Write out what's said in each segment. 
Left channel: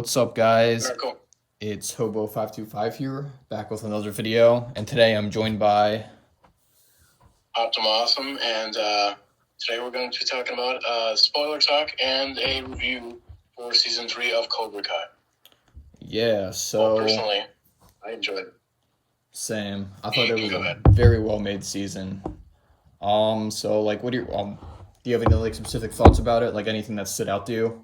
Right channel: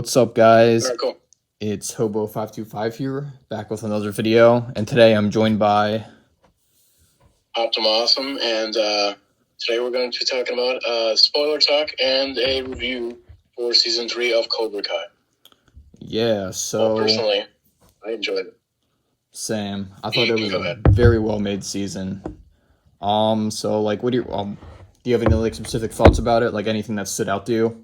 What's up, guys? Very cool. It's Hobo525 here, back with another video, and today I'm joined by Optimuawsome, and today we're going to be talking about spoiler talk and a review for season 3 of Cobra Kai. so Personally, I enjoyed it. Same. I thought it was a very well made season. So like, what do you have any like specific thoughts about it? Like anything that stood out to you?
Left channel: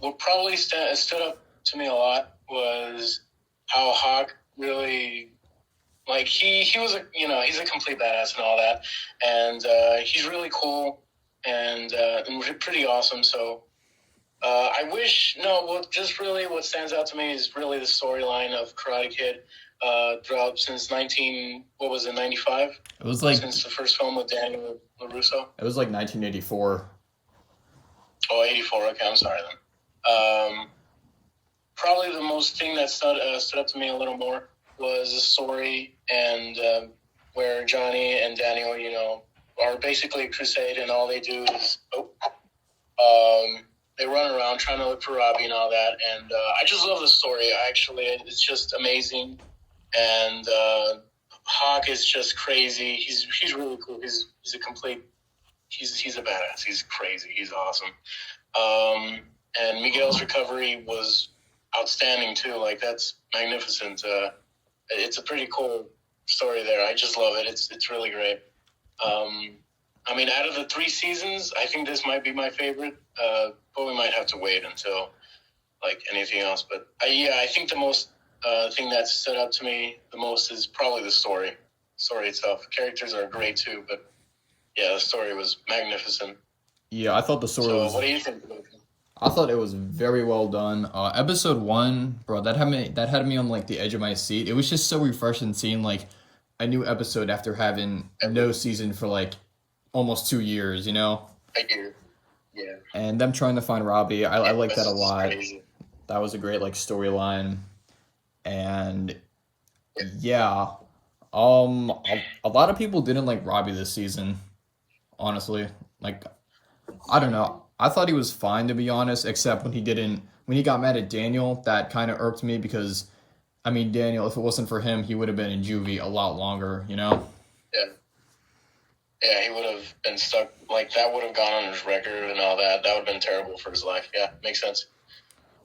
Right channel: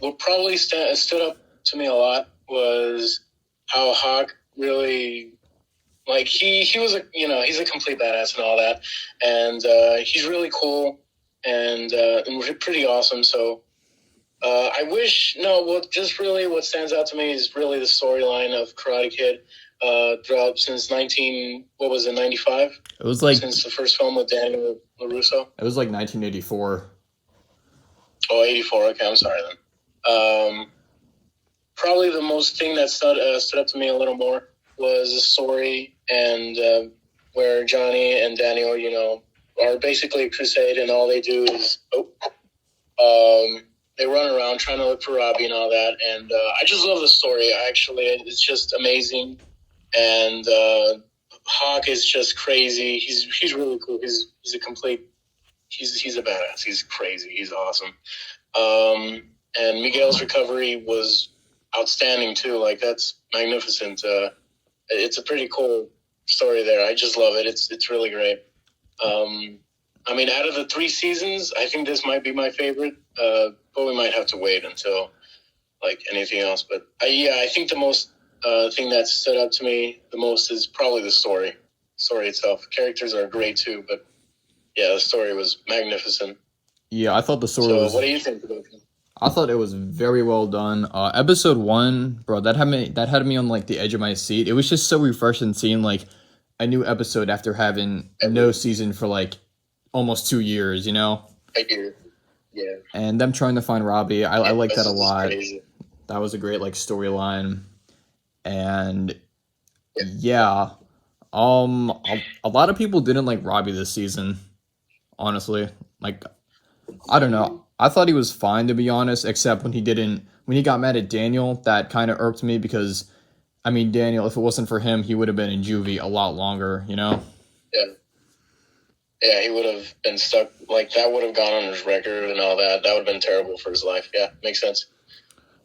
What probably stood up to me a lot was how Hawk really, like, he was he's a complete badass and all that, and he's really cool and pretty awesome. So I wish what stands out to me is really the storyline of Karate Kid throughout since 95. It was like since the first film with Daniel LaRusso. It was like 1984. Oh, 84. Okay, I'm sorry then. Probably the most thing that stood up to me a little more was the story and where Johnny and Daniel, are basically a crusade, and all they do is they run around trying to look for Robbie and all that. And I just love the story. Actually, it's just amazing. And Hawk is just crazy. He's really cool. He's a complete. He's a badass. He's crazy. He's awesome. And Miguel's recovery was outstanding too. Like, that's magnificent. It's a pretty cool story there. I just love it. It's really great. I mean, out of the 3 seasons, I think this might be my favorite. But we might have to wait until like anything else. But I think the most thing that stood out to me the most is probably the story itself. Characters are great too, but yeah, the story was magnificent. Yeah, I thought the story was. What do you think about it? I thought it was very well done. Episode 1, bro, that had me on like the edge of my seat. It was just so refreshing seeing like a new episode after having no season for like almost 2 years, I do. Yeah. And them trying to find Robbie, I like that a lot. Crazy. That was a great like storyline. And yeah, a lot of people didn't like Robbie this season, honestly. Like, I don't know. I thought he was fine, to be honest, except when he got mad at Daniel. That kind of irked me because, I mean, Daniel, if it wasn't for him, he would have been in juvie a lot longer, Yeah. Yeah, he would have been stuck. Like, that would have gone on his record and all that. That would have been terrible for his life. Yeah, makes sense.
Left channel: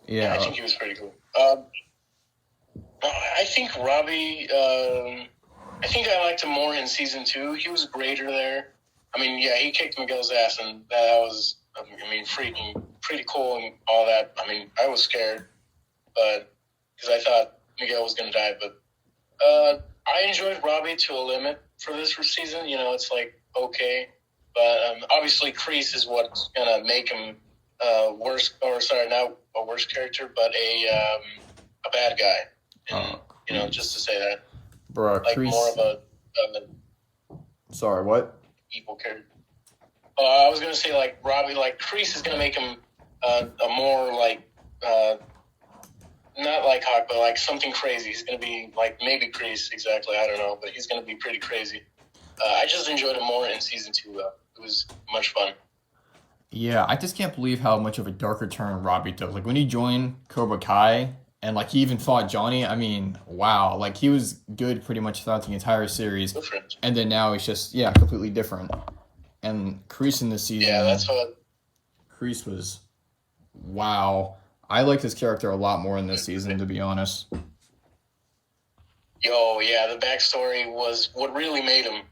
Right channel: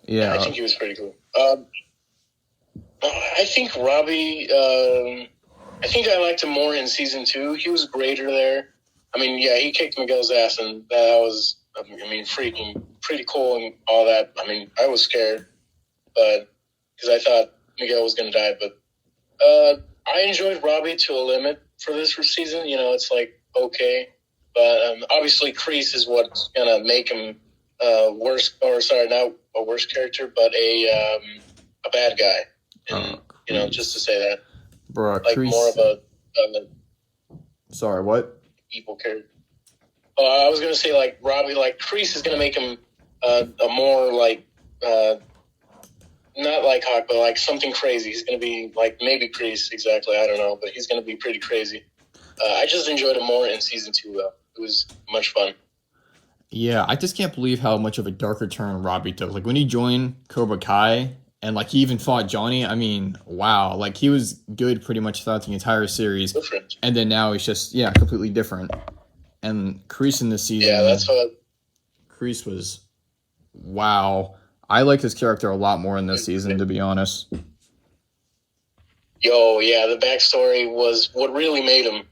Yeah. I think he was pretty cool. I think Robbie, I think I liked him more in season 2. He was greater there. I mean, yeah, he kicked Miguel's ass, and that was, freaking pretty cool and all that. I mean, I was scared, but because I thought Miguel was going to die. But I enjoyed Robbie to a limit for this season. It's like, okay. But obviously, Kreese is what's going to make him worse, or sorry, not a worse character, but a bad guy. And, just to say that. Bro, like Kreese... more of a Sorry, what? Evil character. I was going to say, like, Robbie, like, Kreese is going to make him a more, like, not like Hawk, but like something crazy. He's going to be, like, maybe Kreese, exactly, I don't know, but he's going to be pretty crazy. I just enjoyed it more in season 2, though. It was much fun. Yeah, I just can't believe how much of a darker turn Robbie took. Like, when he joined Cobra Kai, and, like, he even fought Johnny, I mean, wow. Like, he was good pretty much throughout the entire series. Different. And then now he's just, completely different. And Kreese in this season... Yeah, that's what... Kreese was... Wow. I liked his character a lot more in this season, to be honest. Yo, yeah, the backstory was what really made him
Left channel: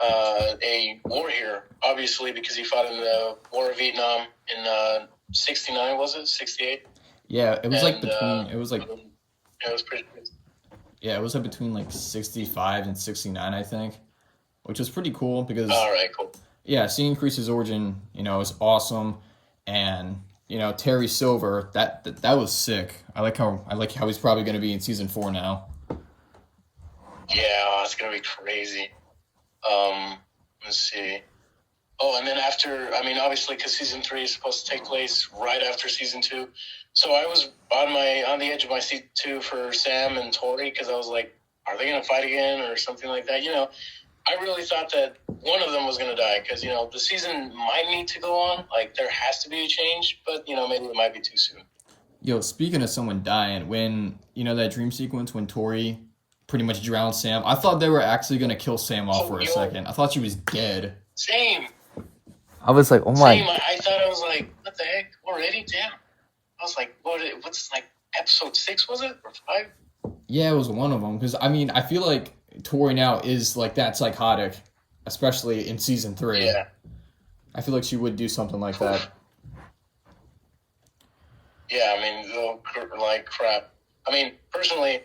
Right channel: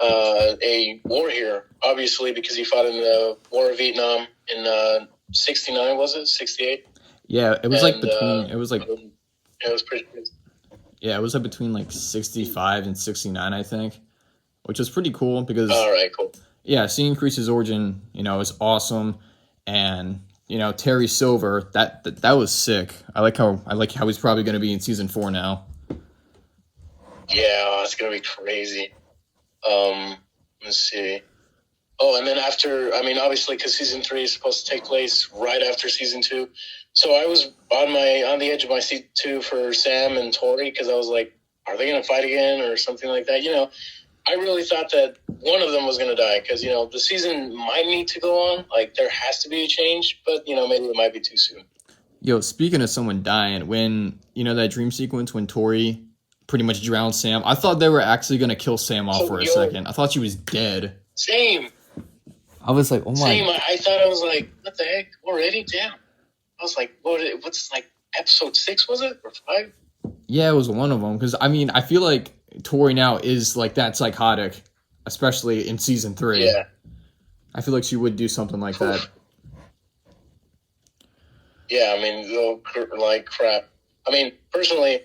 a war hero, obviously, because he fought in the War of Vietnam in 69, was it? 68? Yeah, it was between... it was like... Yeah, it was pretty good. Yeah, it was between like 65 and 69, I think. Which was pretty cool because... All right, cool. Yeah, seeing Kreese's origin, is awesome. And, Terry Silver, that was sick. I like how he's probably going to be in season 4 now. Yeah, it's going to be crazy. Let's see. Oh, and then after, obviously, because season 3 is supposed to take place right after season 2. So I was on the edge of my seat too for Sam and Tori, because I was like, are they going to fight again or something like that? I really thought that one of them was going to die because, the season might need to go on. Like, there has to be a change, but, maybe it might be too soon. Yo, speaking of someone dying, when, that dream sequence when Tori pretty much drowned Sam, I thought they were actually going to kill Sam off for a second. I thought she was dead. Same. I was like, oh my. Same. I thought, I was like, what the heck? Already? Damn. I was like, what's like episode 6, was it? Or 5? Yeah, it was one of them. Because, I feel like Tori now is like that psychotic, especially in season 3. Yeah. I feel like she would do something like that. Yeah, like crap. Personally,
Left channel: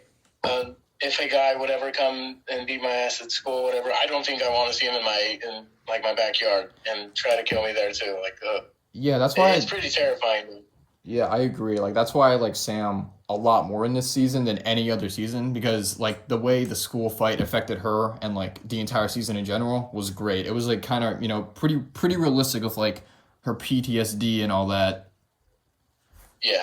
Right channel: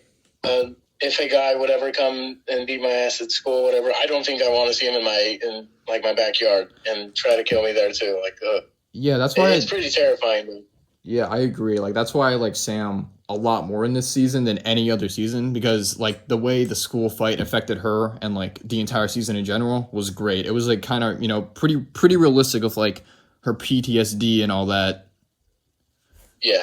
if a guy would ever come and beat my ass at school, whatever, I don't think I want to see him in my backyard and try to kill me there too. Yeah, that's why it's pretty terrifying. Dude. Yeah, I agree. Like that's why I like Sam a lot more in this season than any other season because like the way the school fight affected her and like the entire season in general was great. It was like kind of, pretty realistic with like her PTSD and all that. Yeah.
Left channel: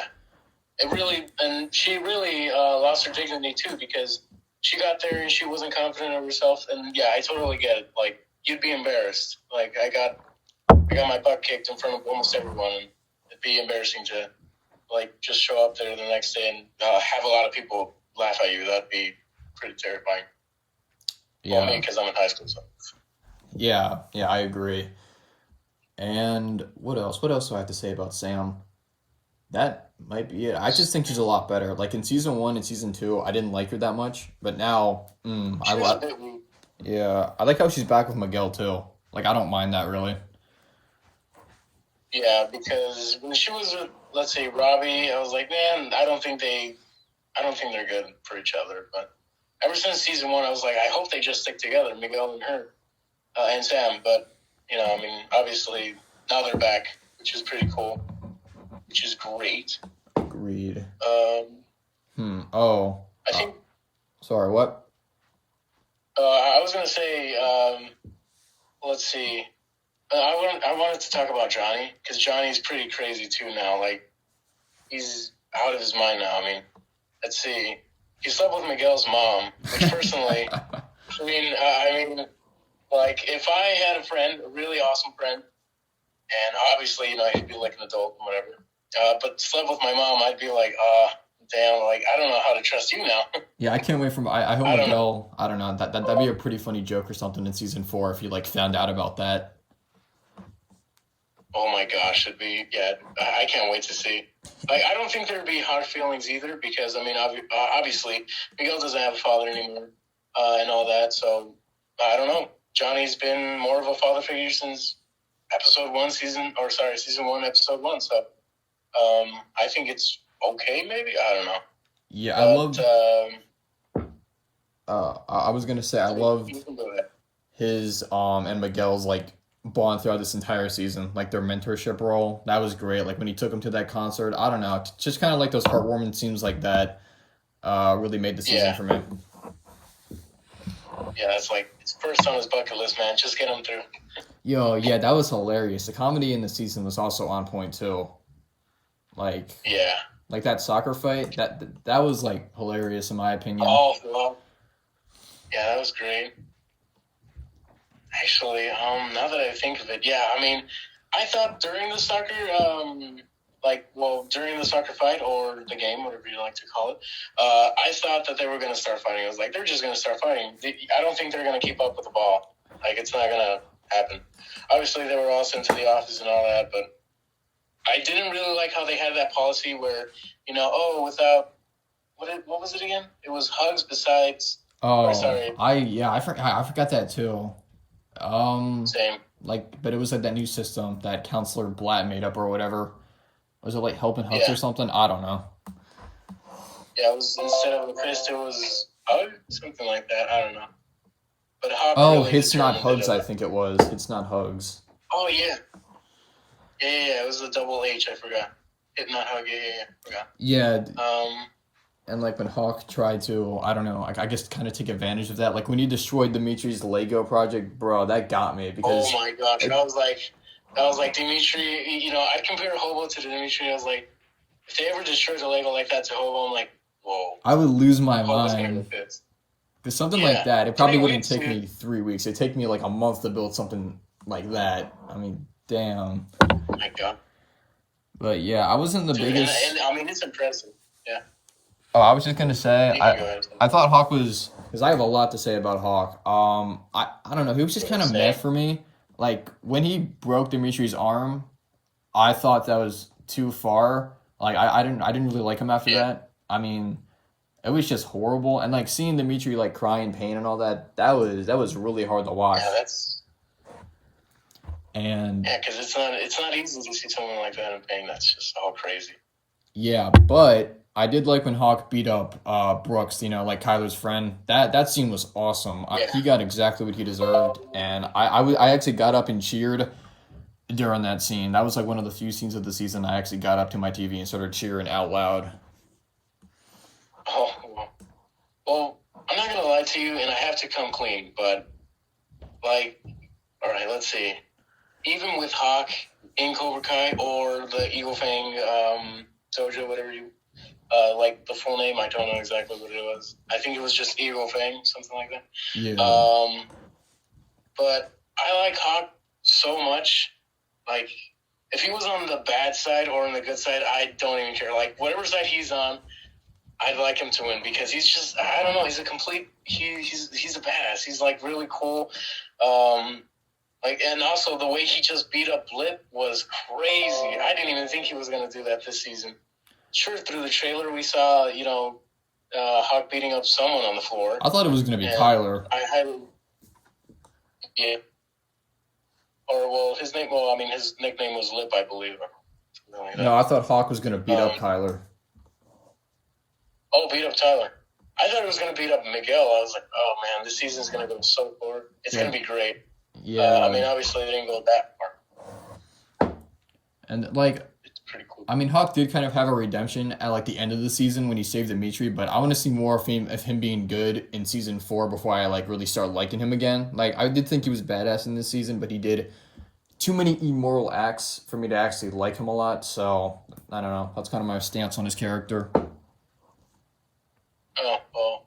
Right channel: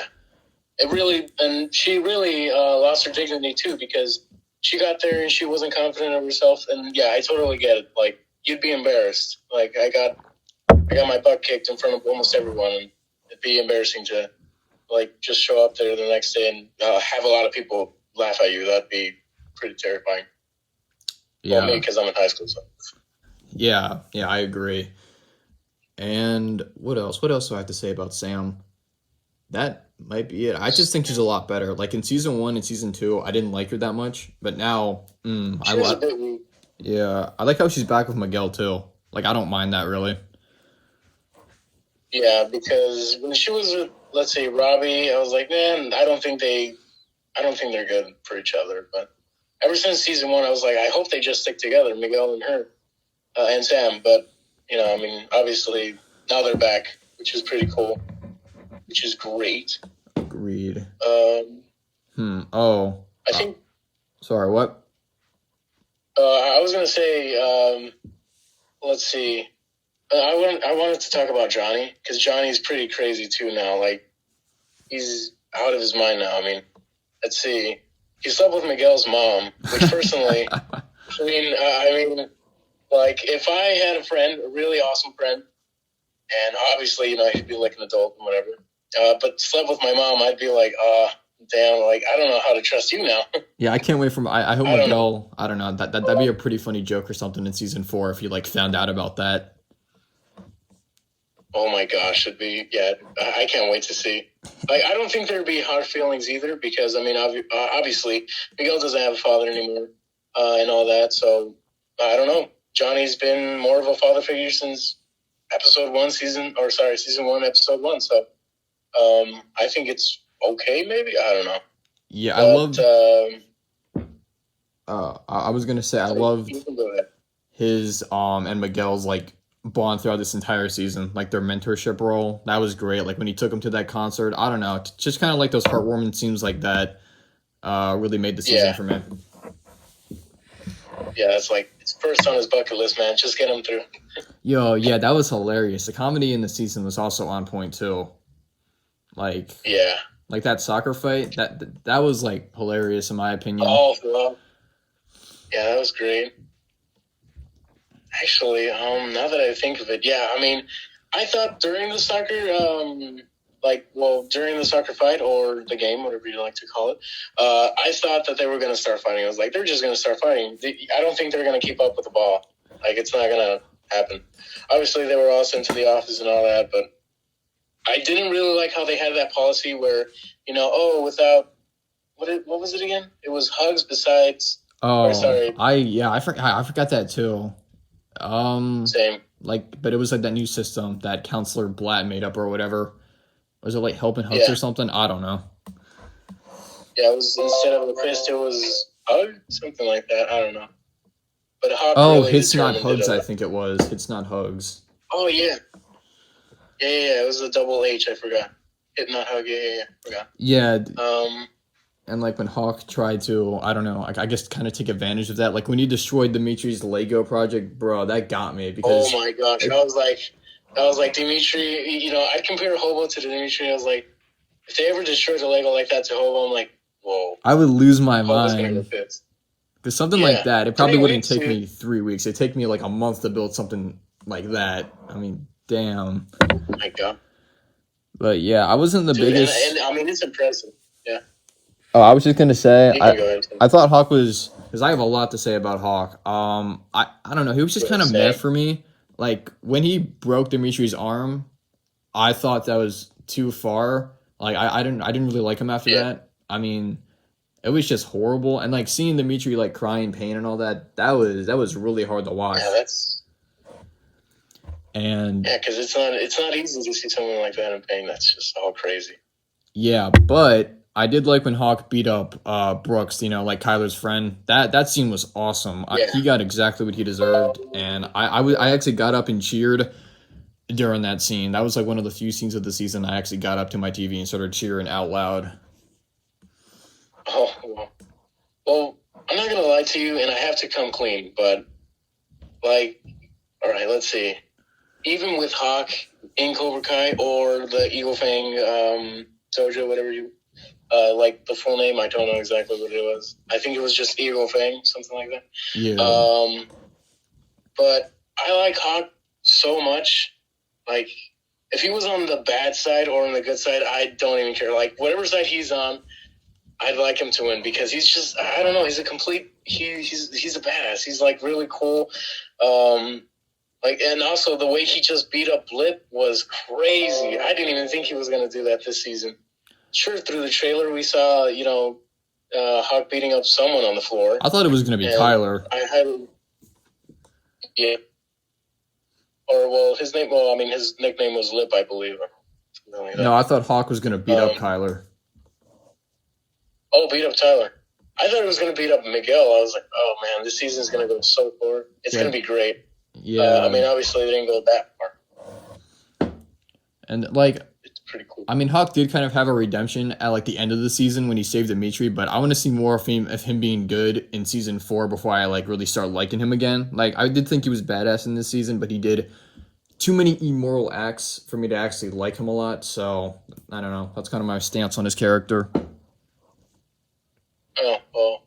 And she really lost her dignity too because she got there and she wasn't confident of herself. And yeah, I totally get it. Like you'd be embarrassed. Like I got my butt kicked in front of almost everyone, and it'd be embarrassing to like just show up there the next day and have a lot of people laugh at you. That'd be pretty terrifying. Yeah, me because I'm in high school. So. Yeah, I agree. And what else? What else do I have to say about Sam? That might be it. I just think she's a lot better. Like in season 1 and season 2, I didn't like her that much, but now, I like. Yeah, I like how she's back with Miguel too. Like I don't mind that really. Yeah, because when she was with, let's say, Robbie, I was like, man, I don't think they're good for each other. But ever since season 1, I was like, I hope they just stick together, Miguel and her, and Sam. But obviously now they're back, which is pretty cool. Which is great. Agreed. I think. Sorry, what? I was gonna say. Let's see. I wanted to talk about Johnny because Johnny's pretty crazy too now. Like he's out of his mind now. Let's see. He slept with Miguel's mom, which personally, like if I had a friend, a really awesome friend, and obviously he'd be like an adult and whatever. But slept with my mom, I'd be like, damn, like, I don't know how to trust you now. Yeah, I can't wait for I hope Miguel, I don't know, that'd be a pretty funny joke or something in season 4 if you, like, found out about that. Oh my gosh, I can't wait to see. Like, I don't think there'd be hard feelings either because, obviously, Miguel doesn't have a father anymore and all that, so, I don't know. Johnny's been more of a father figure since season 1, episode 1, so... I think it's okay, maybe? I don't know. Yeah, I loved... I was going to say, I loved his and Miguel's, like, bond throughout this entire season. Like, their mentorship role. That was great. Like, when he took him to that concert. I don't know. Just kind of like those heartwarming scenes like that really made the season for me. Yeah, it's like, it's first on his bucket list, man. Just get him through. Yo, yeah, that was hilarious. The comedy in the season was also on point, too. Like, yeah, like that soccer fight, that was like hilarious in my opinion. Oh, well, yeah, that was great. Actually, now that I think of it, yeah, I thought during the soccer, during the soccer fight or the game, whatever you like to call it, I thought that they were going to start fighting. I was like, they're just going to start fighting. I don't think they're going to keep up with the ball. Like, it's not going to happen. Obviously, they were all sent to the office and all that, but I didn't really like how they had that policy where, without what was it again? It was hugs besides. Oh, sorry. I forgot that too. Same. Like, but it was like that new system that Counselor Blatt made up or whatever. Was it like helping hugs or something? I don't know. Yeah, it was instead of a fist, it was hug, something like that. I don't know. But really Hits Not Hugs. I think it was Hits Not Hugs. Oh yeah. Yeah, it was a double H, I forgot. Hit Not Hug, forgot. Yeah. And like when Hawk tried to, I don't know, I guess kind of take advantage of that. Like when he destroyed Dimitri's Lego project, bro, that got me because... Oh my gosh, I was like, Dimitri, I'd compare Hobo to Dimitri. I was like, if they ever destroyed a Lego like that to Hobo, I'm like, whoa. I would lose my mind. Because something like Yeah, that, it probably 3 weeks. wouldn't take me 3 weeks. It'd take me like a month to build something like that. I mean, damn. Oh my God, But yeah, I wasn't the dude, biggest. and I mean it's impressive. Yeah, Oh, I was just gonna say, you can go ahead. I thought Hawk was because I have a lot to say about Hawk. I don't know, he was just kind of meh for me. Like when he broke Dimitri's arm, I thought that was too far. Like I didn't really like him after that. I mean, it was just horrible, and like seeing Dimitri like cry in pain and all that, that was really hard to watch. Yeah, that's And because it's not easy to see someone like that in pain. That's just all crazy. yeah, but I did like when Hawk beat up Brooks, like Kyler's friend. That scene was awesome. He got exactly what he deserved, and I actually got up and cheered during that scene. That was like one of the few scenes of the season I actually got up to my TV and started cheering out loud. Oh, well, I'm not gonna lie to you, and I have to come clean, but like, all right, let's see. Even with Hawk in Cobra Kai or the Eagle Fang Dojo, whatever you like the full name, I don't know exactly what it was. I think it was just Eagle Fang, something like that. Yeah. But I like Hawk so much. Like, if he was on the bad side or on the good side, I don't even care. Like, whatever side he's on, I'd like him to win because he's just, I don't know, he's a complete, he's a badass. He's like really cool. And also the way he just beat up Blip was crazy. I didn't even think he was going to do that this season. Sure, through the trailer we saw, Hawk beating up someone on the floor. I thought it was going to be Kyler. Yeah. Or, well, his nickname was Lip, I believe. Like no, I thought Hawk was going to beat up Kyler. Oh, beat up Tyler. I thought it was going to beat up Miguel. I was like, oh, man, this season's going to go so far. It's going to be great. Yeah. Obviously, they didn't go that far. And, like, it's pretty cool. I mean, Hawk did kind of have a redemption at, like, the end of the season when he saved Dimitri, but I want to see more of him being good in Season 4 before I, like, really start liking him again. Like, I did think he was badass in this season, but he did too many immoral acts for me to actually like him a lot, so, I don't know. That's kind of my stance on his character. Oh, well,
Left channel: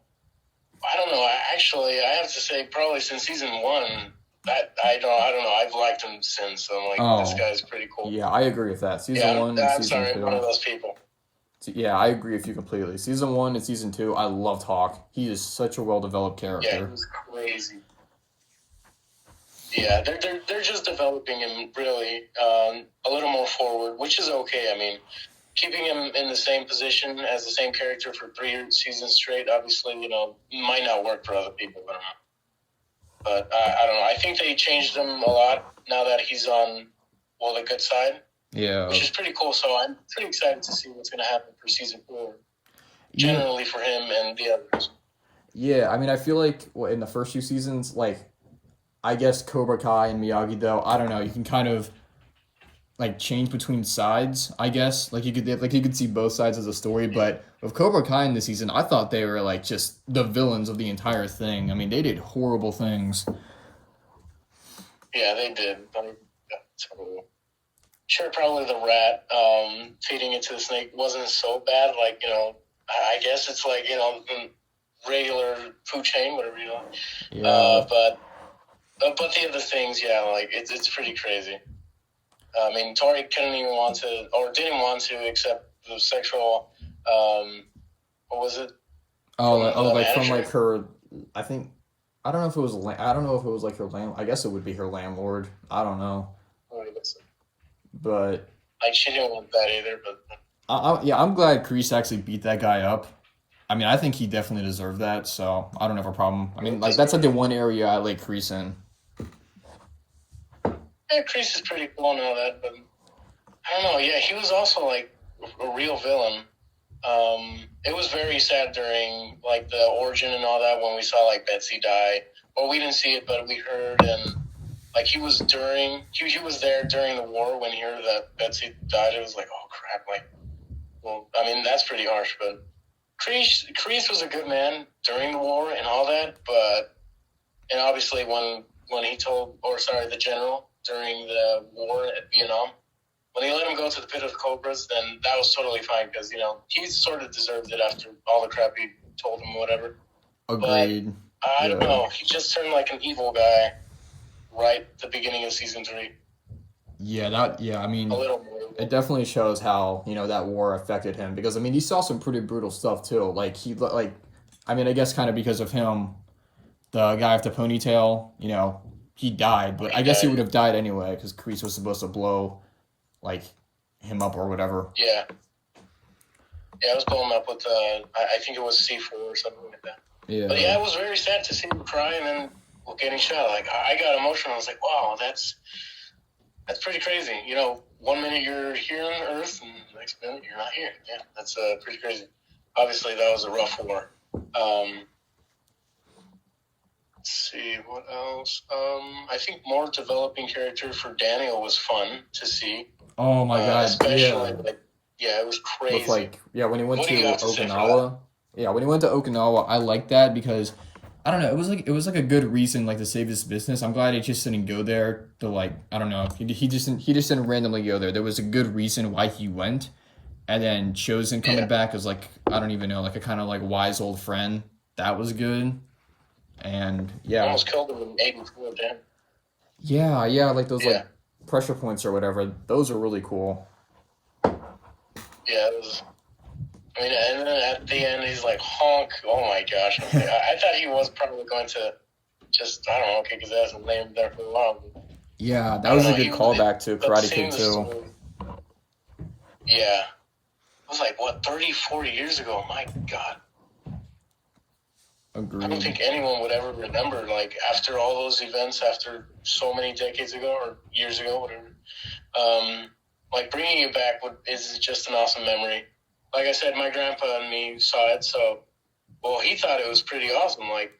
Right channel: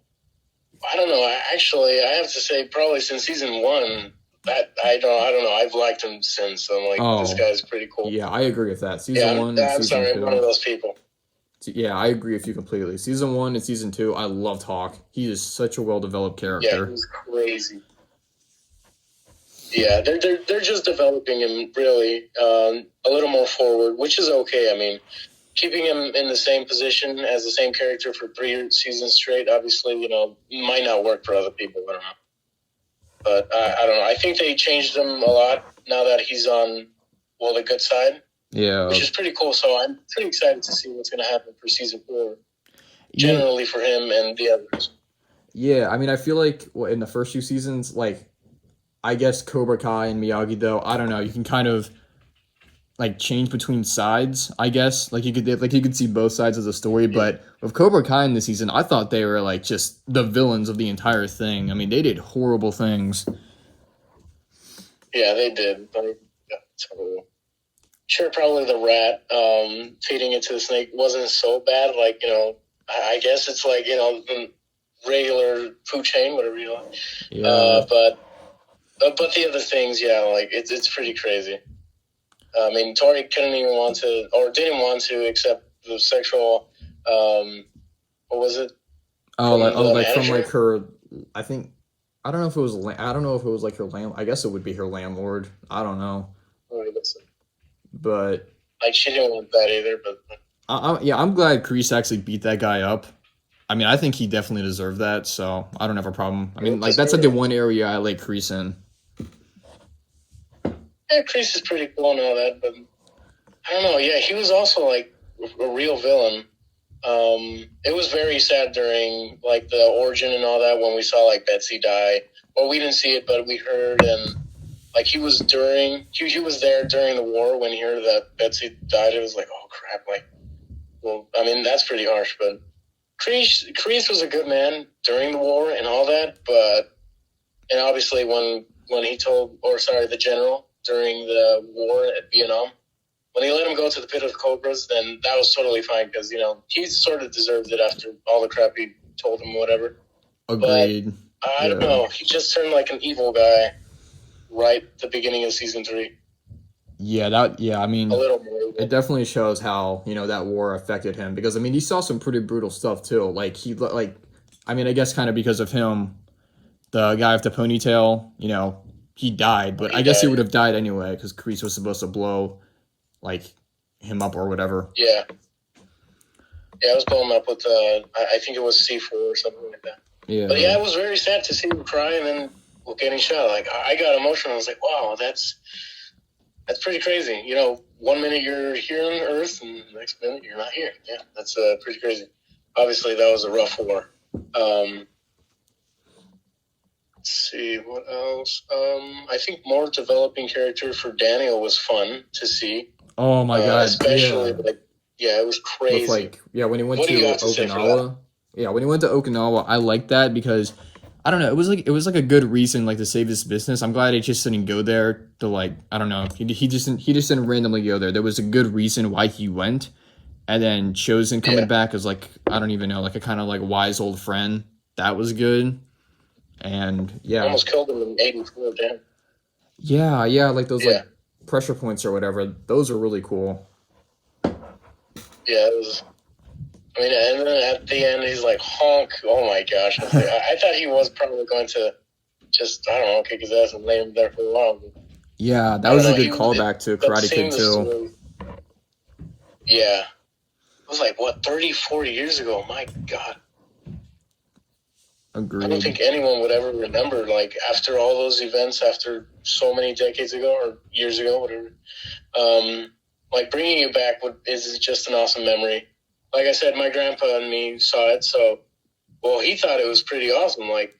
I don't know. Actually, I have to say, probably since Season 1, I don't know. I've liked him since. So I'm like, this guy's pretty cool. Yeah, I agree with that. Season 1 and Season 2. I'm one of those people. Yeah, I agree with you completely. Season 1 and Season 2, I loved Hawk. He is such a well-developed character. Yeah, he was crazy. Yeah, they're just developing him really a little more forward, which is okay. I mean, keeping him in the same position as the same character for 3 seasons straight, obviously, might not work for other people. I don't know. But I don't know. I think they changed him a lot now that he's on, the good side. Yeah. Which is pretty cool. So I'm pretty excited to see what's going to happen for Season 4, generally for him and the others. Yeah, I mean, I feel like in the first few seasons, like, I guess Cobra Kai and Miyagi, though, I don't know, you can kind of like change between sides, I guess. Like you could see both sides of the story, but with Cobra Kai in this season, I thought they were like just the villains of the entire thing. I mean, they did horrible things. Yeah, they did. Sure, probably the rat feeding it to the snake wasn't so bad. Like, I guess it's like, the regular food chain, whatever you want. Yeah. But the other things, yeah, like it's pretty crazy. I mean, Tori didn't want to accept the sexual, what was it? From like her, I don't know if it was like her I guess it would be her landlord. I don't know. But like she didn't want that either, but I'm glad Kreese actually beat that guy up. I mean, I think he definitely deserved that, so I don't have a problem. I mean, like that's like the one area I like Kreese in. Yeah, Kreese is pretty cool and all that, but I don't know. Yeah, he was also like a real villain. It was very sad during like the origin and all that when we saw like Betsy die. Well, we didn't see it, but we heard, and like he was there during the war when he heard that Betsy died. It was like, oh crap! Like, well, I mean that's pretty harsh, but Kreese was a good man during the war and all that, and obviously when he told, the general during the war at Vietnam, when he let him go to the pit of cobras, then that was totally fine because, he sort of deserved it after all the crap he told him, whatever. but Agreed. I don't Yeah. know. He just turned like an evil guy right at the beginning of season 3. Yeah, I A mean, little more it evil. definitely shows how, that war affected him because I mean, he saw some pretty brutal stuff too. I mean, I guess kind of because of him, the guy with the ponytail, he died, but I He guess he died. would have died anyway because Kreese was supposed to blow like him up or whatever. Yeah. Yeah, I was blown up with, I think it was C4 or something like that. But Yeah. yeah, it was very sad to see him cry and then getting shot. Like, I got emotional. I was like, wow, that's pretty crazy. 1 minute you're here on Earth and the next minute you're not here. Yeah, that's pretty crazy. Obviously, that was a rough war. Let's see, what else? I think more developing character for Daniel was fun to see. Oh my God. Especially, Yeah. yeah, it was With crazy. when he went What do you to got to say for that? Okinawa. Yeah, when he went to Okinawa, I liked that because I don't know, it was like a good reason like to save his business. I'm glad he just didn't go there to like I don't know. He just didn't randomly go there. There was a good reason why he went. And then Chosen Yeah, coming back as like I don't even know, like a kind of like wise old friend. That was good. And yeah. almost killed him in '84. Damn. Yeah, like those Yeah, like pressure points or whatever. Those are really cool. yeah, it was. I mean, and then at the end, he's like, honk. Oh my gosh. I thought he was probably going to just, I don't know, kick his ass and lay him there for a while. But Yeah, that I don't was a know. good callback to That Karate Kid seemed the too. story. Yeah. It was like, what, 30, 40 years ago? My God. I don't Agreed. think anyone would ever remember, like, after all those events, after so many decades ago or years ago, whatever. Like, bringing it back is just an awesome memory. Like I said, my grandpa and me saw it, so, well, he thought it was pretty awesome. Like,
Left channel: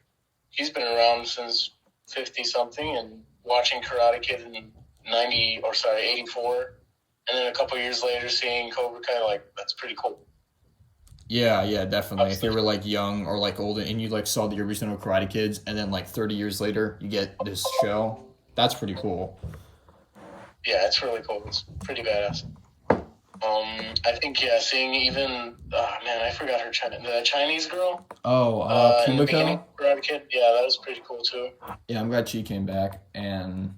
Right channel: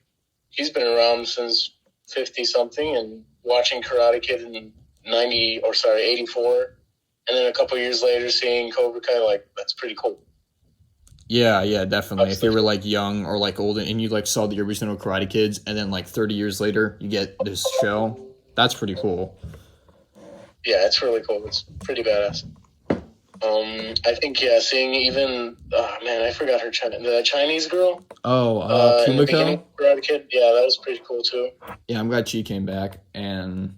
he's been around since 50 something and watching Karate Kid in 84, and then a couple years later seeing Cobra Kai, like, that's pretty cool. Yeah, definitely. If Obviously. you were like young or like old and you like saw the original Karate Kids and then like 30 years later you get this show, that's pretty cool. Yeah, it's really cool. It's pretty badass. I think, yeah, seeing even, oh man, I forgot the Chinese girl Oh, in the beginning Kumiko? of Karate Kid. Yeah, that was pretty cool too. Yeah, I'm glad she came back and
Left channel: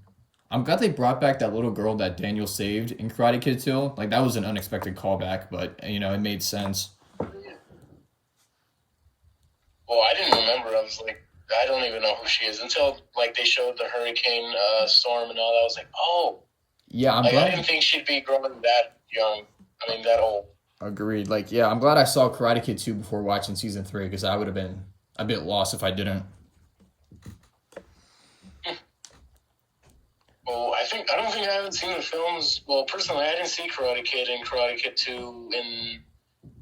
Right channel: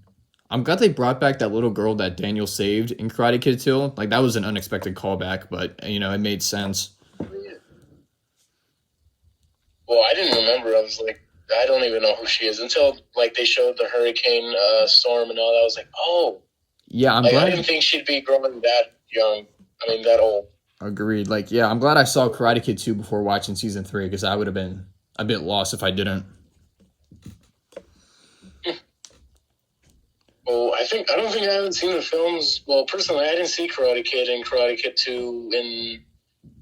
I'm glad they brought back that little girl that Daniel saved in Karate Kid 2. Like that was an unexpected callback, but it made sense. Well, I didn't remember. I was like, I don't even know who she is until like they showed the hurricane storm and all that. I was like, oh, Yeah, I'm like I glad. didn't think she'd be growing that young. I mean, that old. Agreed. Like, yeah, I'm glad I saw Karate Kid 2 before watching season 3 because I would have been a bit lost if I didn't. Well, I don't think I haven't seen the films. Well, personally, I didn't see Karate Kid and Karate Kid 2 in.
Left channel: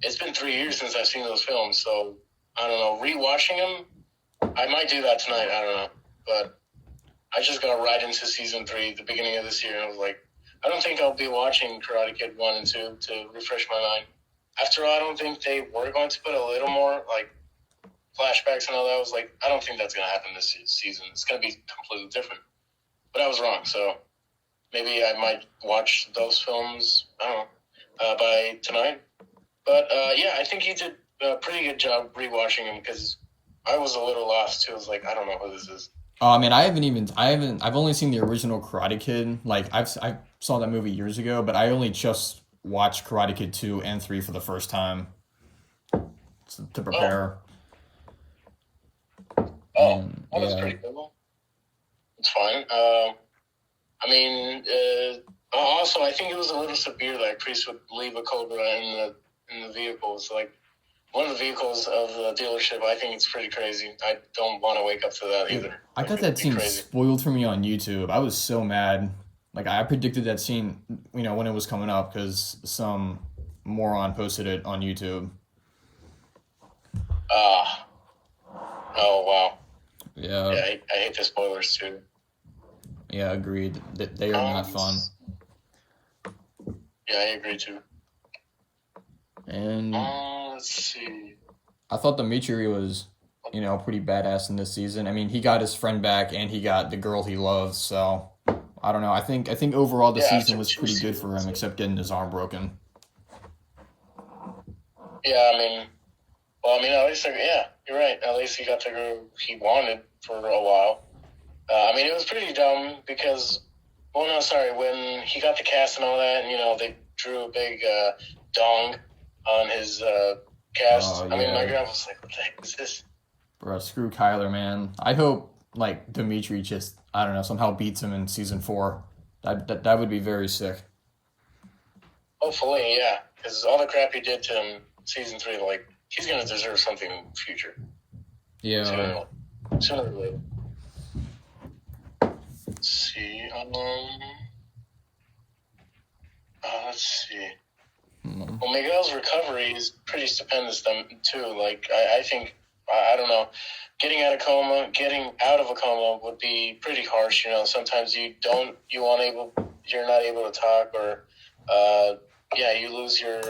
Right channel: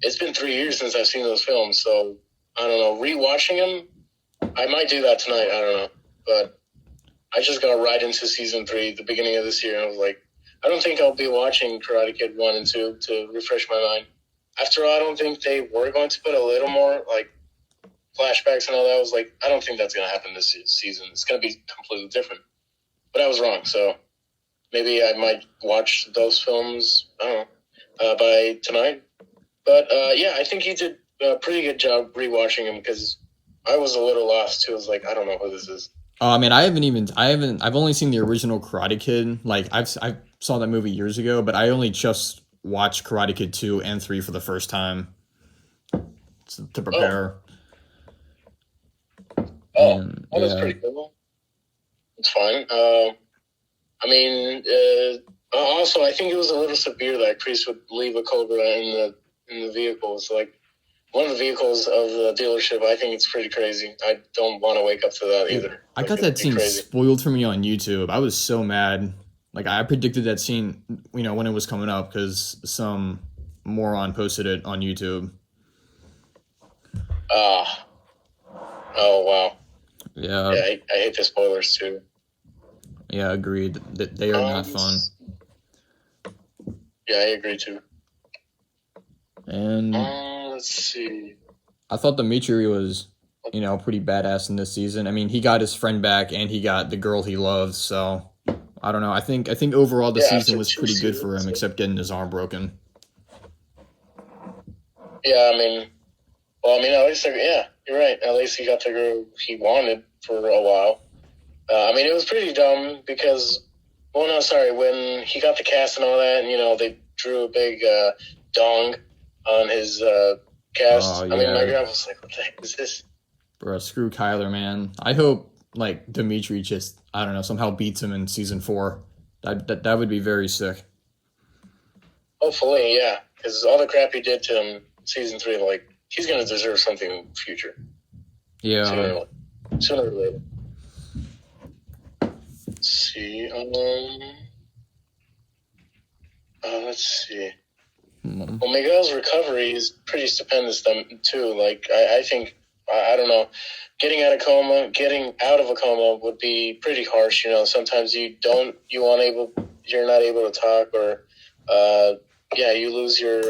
It's been 3 years since I've seen those films, so I don't know. Rewatching them, I might do that tonight. I don't know, but I just got right into season 3 at the beginning of this year, and I was like, I don't think I'll be watching Karate Kid 1 and 2 to refresh my mind. After all, I don't think they were going to put a little more like flashbacks and all that. I was like, I don't think that's going to happen this season. It's going to be completely different. But I was wrong, so maybe I might watch those films, I don't know, by tonight. But yeah, I think he did a pretty good job rewatching him because I was a little lost too. I was like, I don't know who this is. I mean, I've only seen the original Karate Kid. Like, I saw that movie years ago, but I only just watched Karate Kid 2 and 3 for the first time to prepare. And That was yeah, pretty cool. It's fine. I mean, also, I think it was a little severe that Kreese would leave a Cobra in the vehicles. Like, one of the vehicles of the dealership, I think it's pretty crazy. I don't want to wake up to that either. I Like, got it that would be scene crazy. spoiled for me on YouTube. I was so mad. Like I predicted that scene, when it was coming up because some moron posted it on YouTube. Oh, wow. Yeah, Yeah, I hate the spoilers too. yeah, agreed. That they are not fun. Yeah, I agree too. And Let's see. I thought Dimitri was, pretty badass in this season. I mean, he got his friend back and he got the girl he loves. So I don't know. I think overall the Yeah, season after was 2 pretty good for him, seasons. except getting his arm broken. Yeah, I mean, Well, I mean, at least, yeah, you're right. At least he got the girl he wanted for a while. I mean, it was pretty dumb because, well, no, sorry, when he got the cast and all that, and, they drew a big dong on his cast. Oh I mean, my yeah, girl was like, what the heck is this? bro, screw Kyler, man. I hope like Dimitri just I don't know somehow beats him in season 4. That would be very sick. Hopefully, yeah, because all the crap he did to him season 3, like, he's going to deserve something in the future. Yeah. Sooner or later. Let's see. Let's see. Well, Miguel's recovery is pretty stupendous, too. Like, I think, I don't know, getting out of a coma would be pretty harsh. Sometimes you're not able to talk, or, you lose your,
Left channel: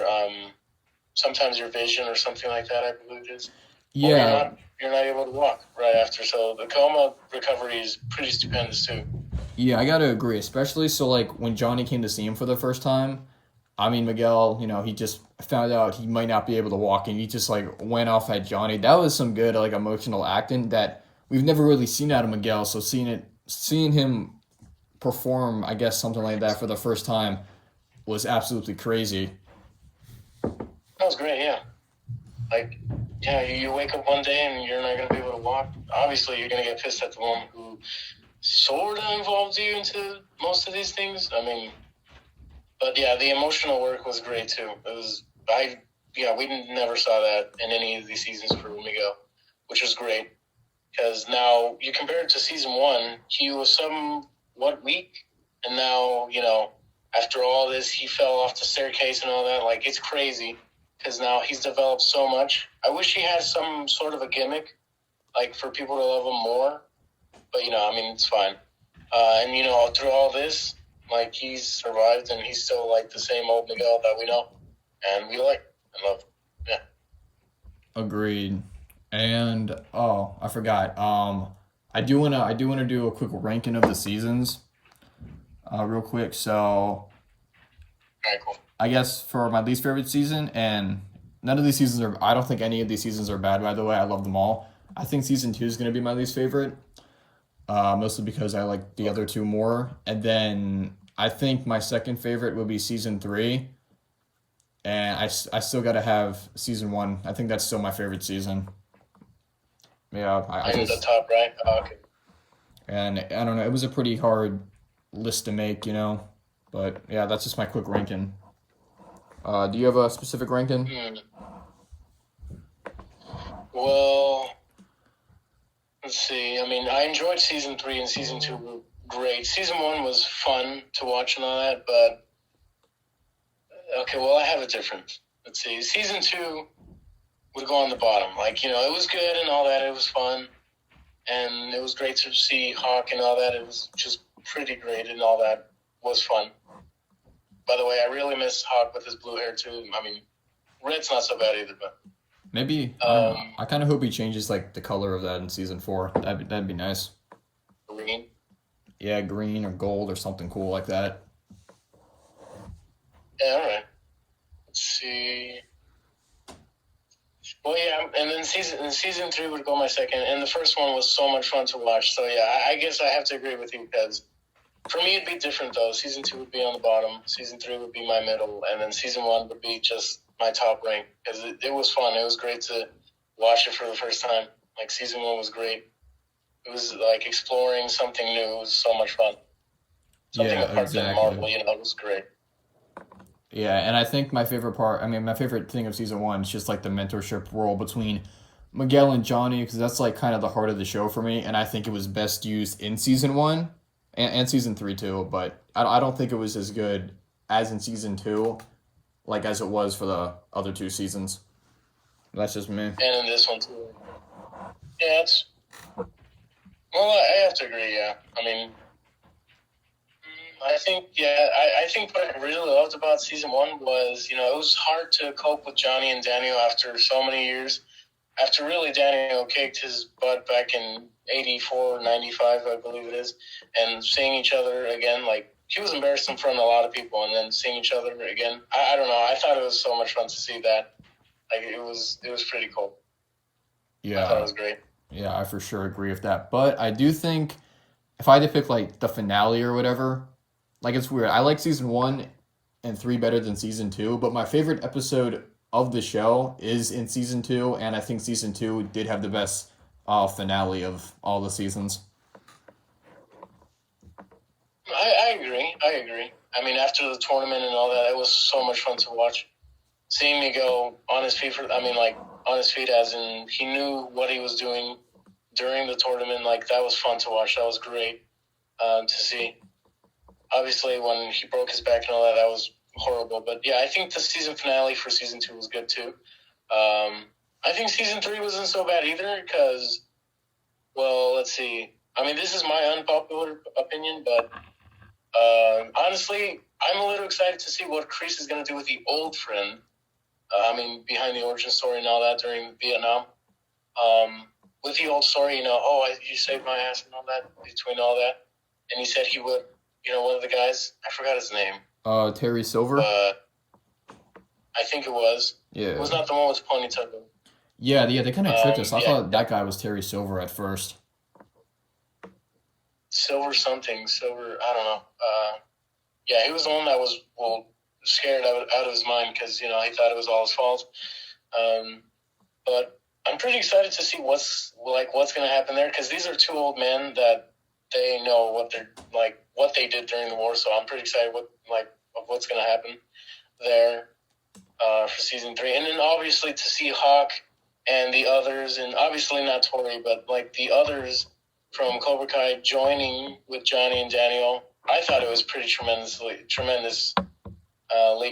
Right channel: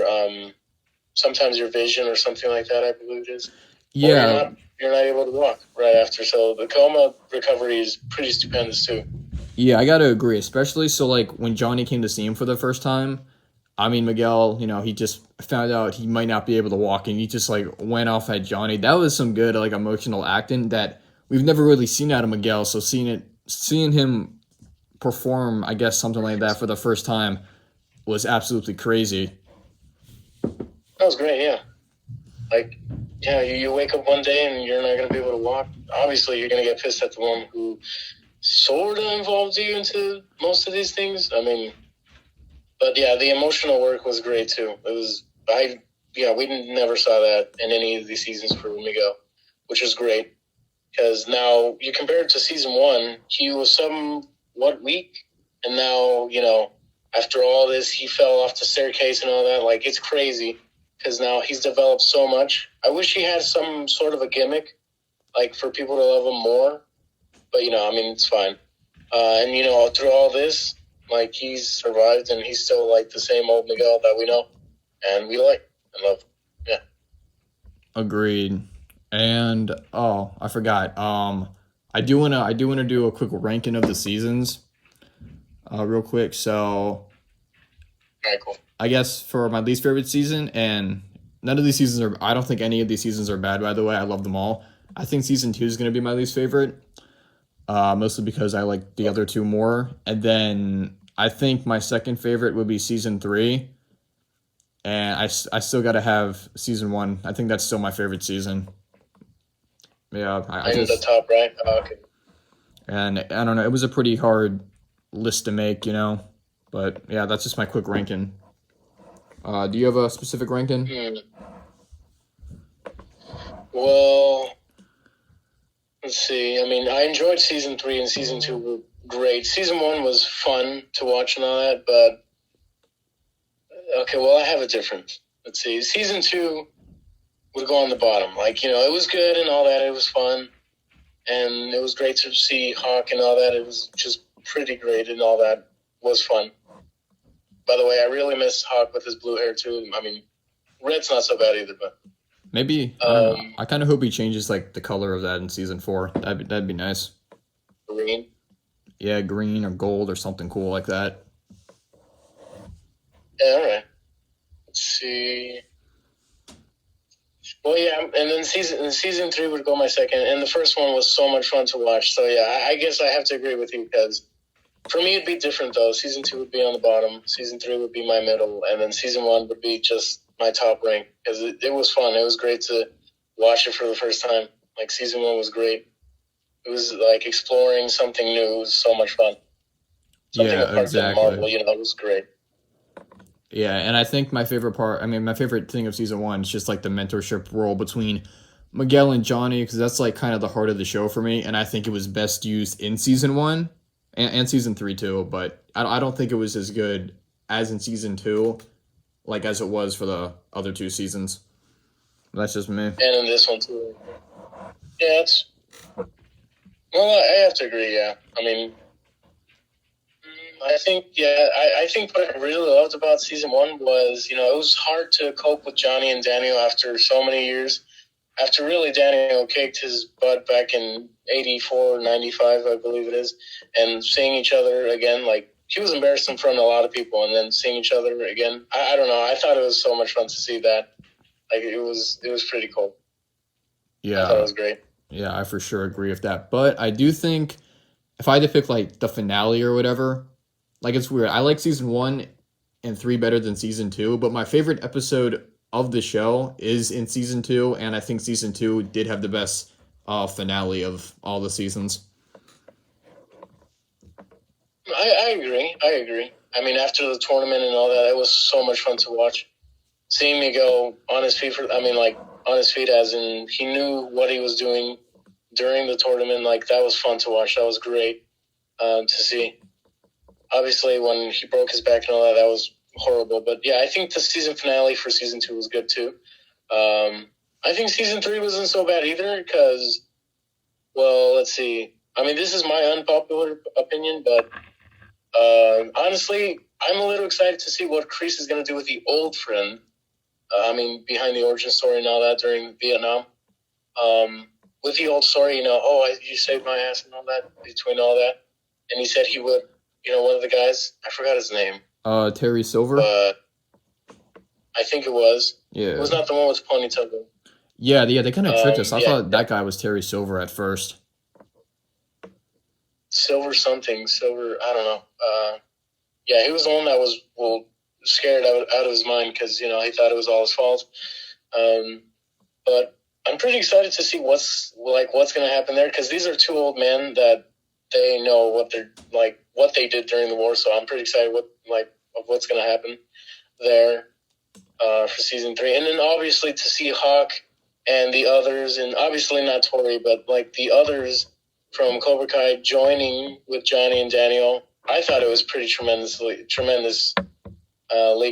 sometimes your vision or something like that, I believe it is. Yeah. You're not able to walk right after. So the coma recovery is pretty stupendous, too. Yeah, I gotta agree, especially so like when Johnny came to see him for the first time. I mean, Miguel, he just found out he might not be able to walk, and he just like went off at Johnny. That was some good like emotional acting that we've never really seen out of Miguel. So seeing him perform, I guess something like that for the first time was absolutely crazy. That was great, yeah. Like, yeah, you wake up one day and you're not going to be able to walk. Obviously, you're going to get pissed at the one who sort of involved you into most of these things. I mean, but yeah, the emotional work was great too. We never saw that in any of these seasons for Miguel, which was great. Because now you compare it to season 1, he was somewhat weak, and now, after all this, he fell off the staircase and all that. Like, it's crazy. Because now he's developed so much. I wish he had some sort of a gimmick, like, for people to love him more. But, it's fine. And, through all this, like, he's survived, and he's still, like, the same old Miguel that we know. And we like and love. Yeah. Agreed. And, I forgot. I do wanna do a quick ranking of the seasons, real quick. So, All right, cool. I guess for my least favorite season, and none of these seasons are, I don't think any of these seasons are bad, by the way. I love them all. I think season 2 is going to be my least favorite, mostly because I like the other 2 more. And then I think my second favorite would be season 3. And I still got to have season 1. I think that's still my favorite season. Yeah, I The top, right? Oh, okay. And I don't know, it was a pretty hard list to make, but yeah, that's just my quick ranking. Do you have a specific ranking? Well, let's see. I mean, I enjoyed season 3 and season 2 were great. Season 1 was fun to watch and all that, but okay, well, I have a different. Let's see. Season 2 would go on the bottom. Like, it was good and all that. It was fun, and it was great to see Hawk and all that. It was just pretty great, and all that was fun. By the way, I really miss Hawk with his blue hair, too. I mean, red's not so bad either, but... Maybe, I don't know. I kind of hope he changes, like, the color of that in season 4. That'd be nice. Green? Yeah, green or gold or something cool like that. Yeah, all right. Let's see... Well, yeah, and then season 3 would go my second, and the first one was so much fun to watch. So, yeah, I guess I have to agree with you, because... For me, it'd be different, though. Season 2 would be on the bottom. Season 3 would be my middle. And then season 1 would be just my top rank. Because it was fun. It was great to watch it for the first time. Like, season 1 was great. It was, like, exploring something new. It was so much fun. Something Yeah, exactly. Marvel, it was great. Yeah, and I think my favorite thing of season 1 is just, like, the mentorship role between Miguel and Johnny, because that's, like, kind of the heart of the show for me. And I think it was best used in season 1. And season 3 too, but I don't think it was as good as in season 2, like as it was for the other 2 seasons. That's just me. And in this one too. Yeah, well, I have to agree. Yeah, I mean, I think what I really loved about season 1 was it was hard to cope with Johnny and Daniel after so many years. After really Daniel kicked his butt back in 84, 95, I believe it is, and seeing each other again, like, he was embarrassed in front of a lot of people, and then seeing each other again, I don't know, I thought it was so much fun to see that. Like, it was pretty cool. I thought it Yeah, was great. yeah, I for sure agree with that. But I do think if I had to pick like the finale or whatever, like it's weird. I like season 1 and 3 better than season 2, but my favorite episode of the show is in season 2, and I think season 2 did have the best finale of all the seasons. I agree. I agree. I mean, after the tournament and all that, it was so much fun to watch. Seeing me go on his feet on his feet, as in he knew what he was doing during the tournament. Like, that was fun to watch. That was great to see. Obviously, when he broke his back and all that, that was horrible. But yeah, I think the season finale for season 2 was good too. I think season 3 wasn't so bad either because, well, let's see. I mean, this is my unpopular opinion, but honestly, I'm a little excited to see what Kreese is going to do with the old friend. Behind the origin story and all that during Vietnam. With the old story, you saved my ass and all that, between all that. And he said he would, one of the guys, I forgot his name. Terry Silver. But I think it was. Yeah. It was not the one with the ponytail. Yeah, they kind of tricked us. I thought that guy was Terry Silver at first. Silver, I don't know. Yeah, he was the one that was, scared out of his mind because, he thought it was all his fault. But I'm pretty excited to see what's going to happen there because these are two old men that they know what they did during the war. So I'm pretty excited of what's going to happen there for season 3. And then obviously to see Hawk and the others, and obviously not Tori, but the others from Cobra Kai joining with Johnny and Daniel. I thought it was pretty tremendously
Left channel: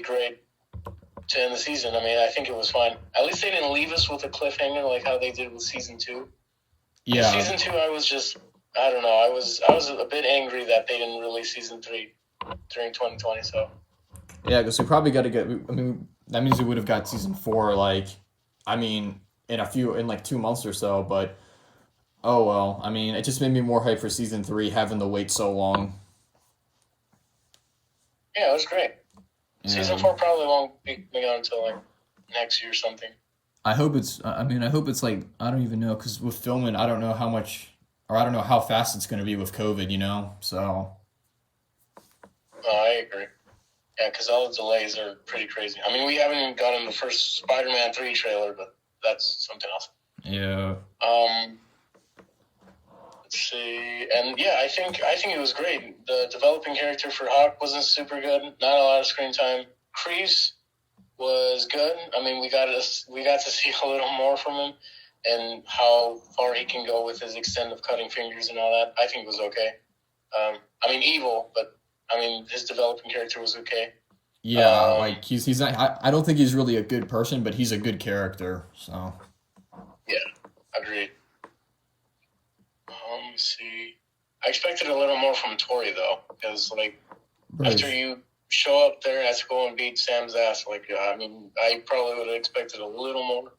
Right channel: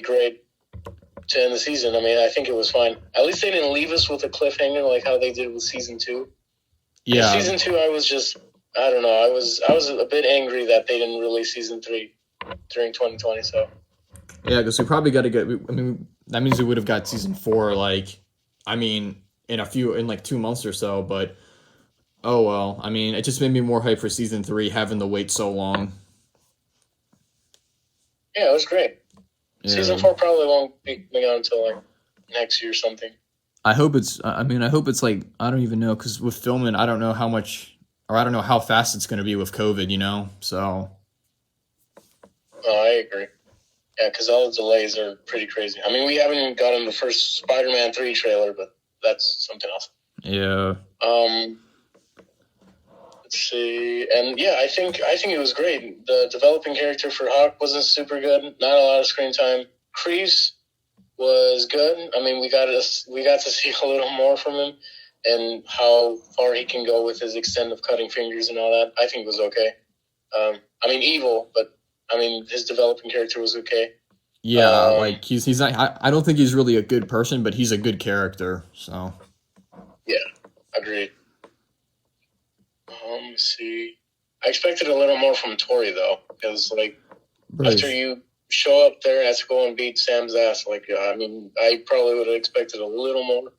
great to end the season. I mean, I think it was fine. At least they didn't leave us with a cliffhanger like how they did with season 2. Yeah. And season 2, I don't know. I was a bit angry that they didn't release season 3 during 2020. So. Yeah, because we probably got to get. I mean, that means we would have got season 4. In 2 months or so. But oh well. I mean, it just made me more hyped for season 3, having to wait so long. Yeah, it was great. Yeah. Season 4 probably won't be coming out until next year or something. I hope it's. I hope it's I don't even know because with filming, I don't know how much, or I don't know how fast it's going to be with COVID. So. Oh, I agree. Yeah, because all the delays are pretty crazy. I mean, we haven't gotten the first Spider-Man 3 trailer, but that's something else. Yeah. Let's see. And yeah, I think it was great. The developing character for Hawk wasn't super good. Not a lot of screen time. Kreese was good. I mean, we got to see a little more from him and how far he can go with his extent of cutting fingers and all that. I think was okay. Evil, but his developing character was okay. Yeah, he's not. I don't think he's really a good person, but he's a good character. So. Yeah, agreed. Let's see. I expected a little more from Tori though, because after you show up there at school and beat Sam's ass, I probably would have expected a little more.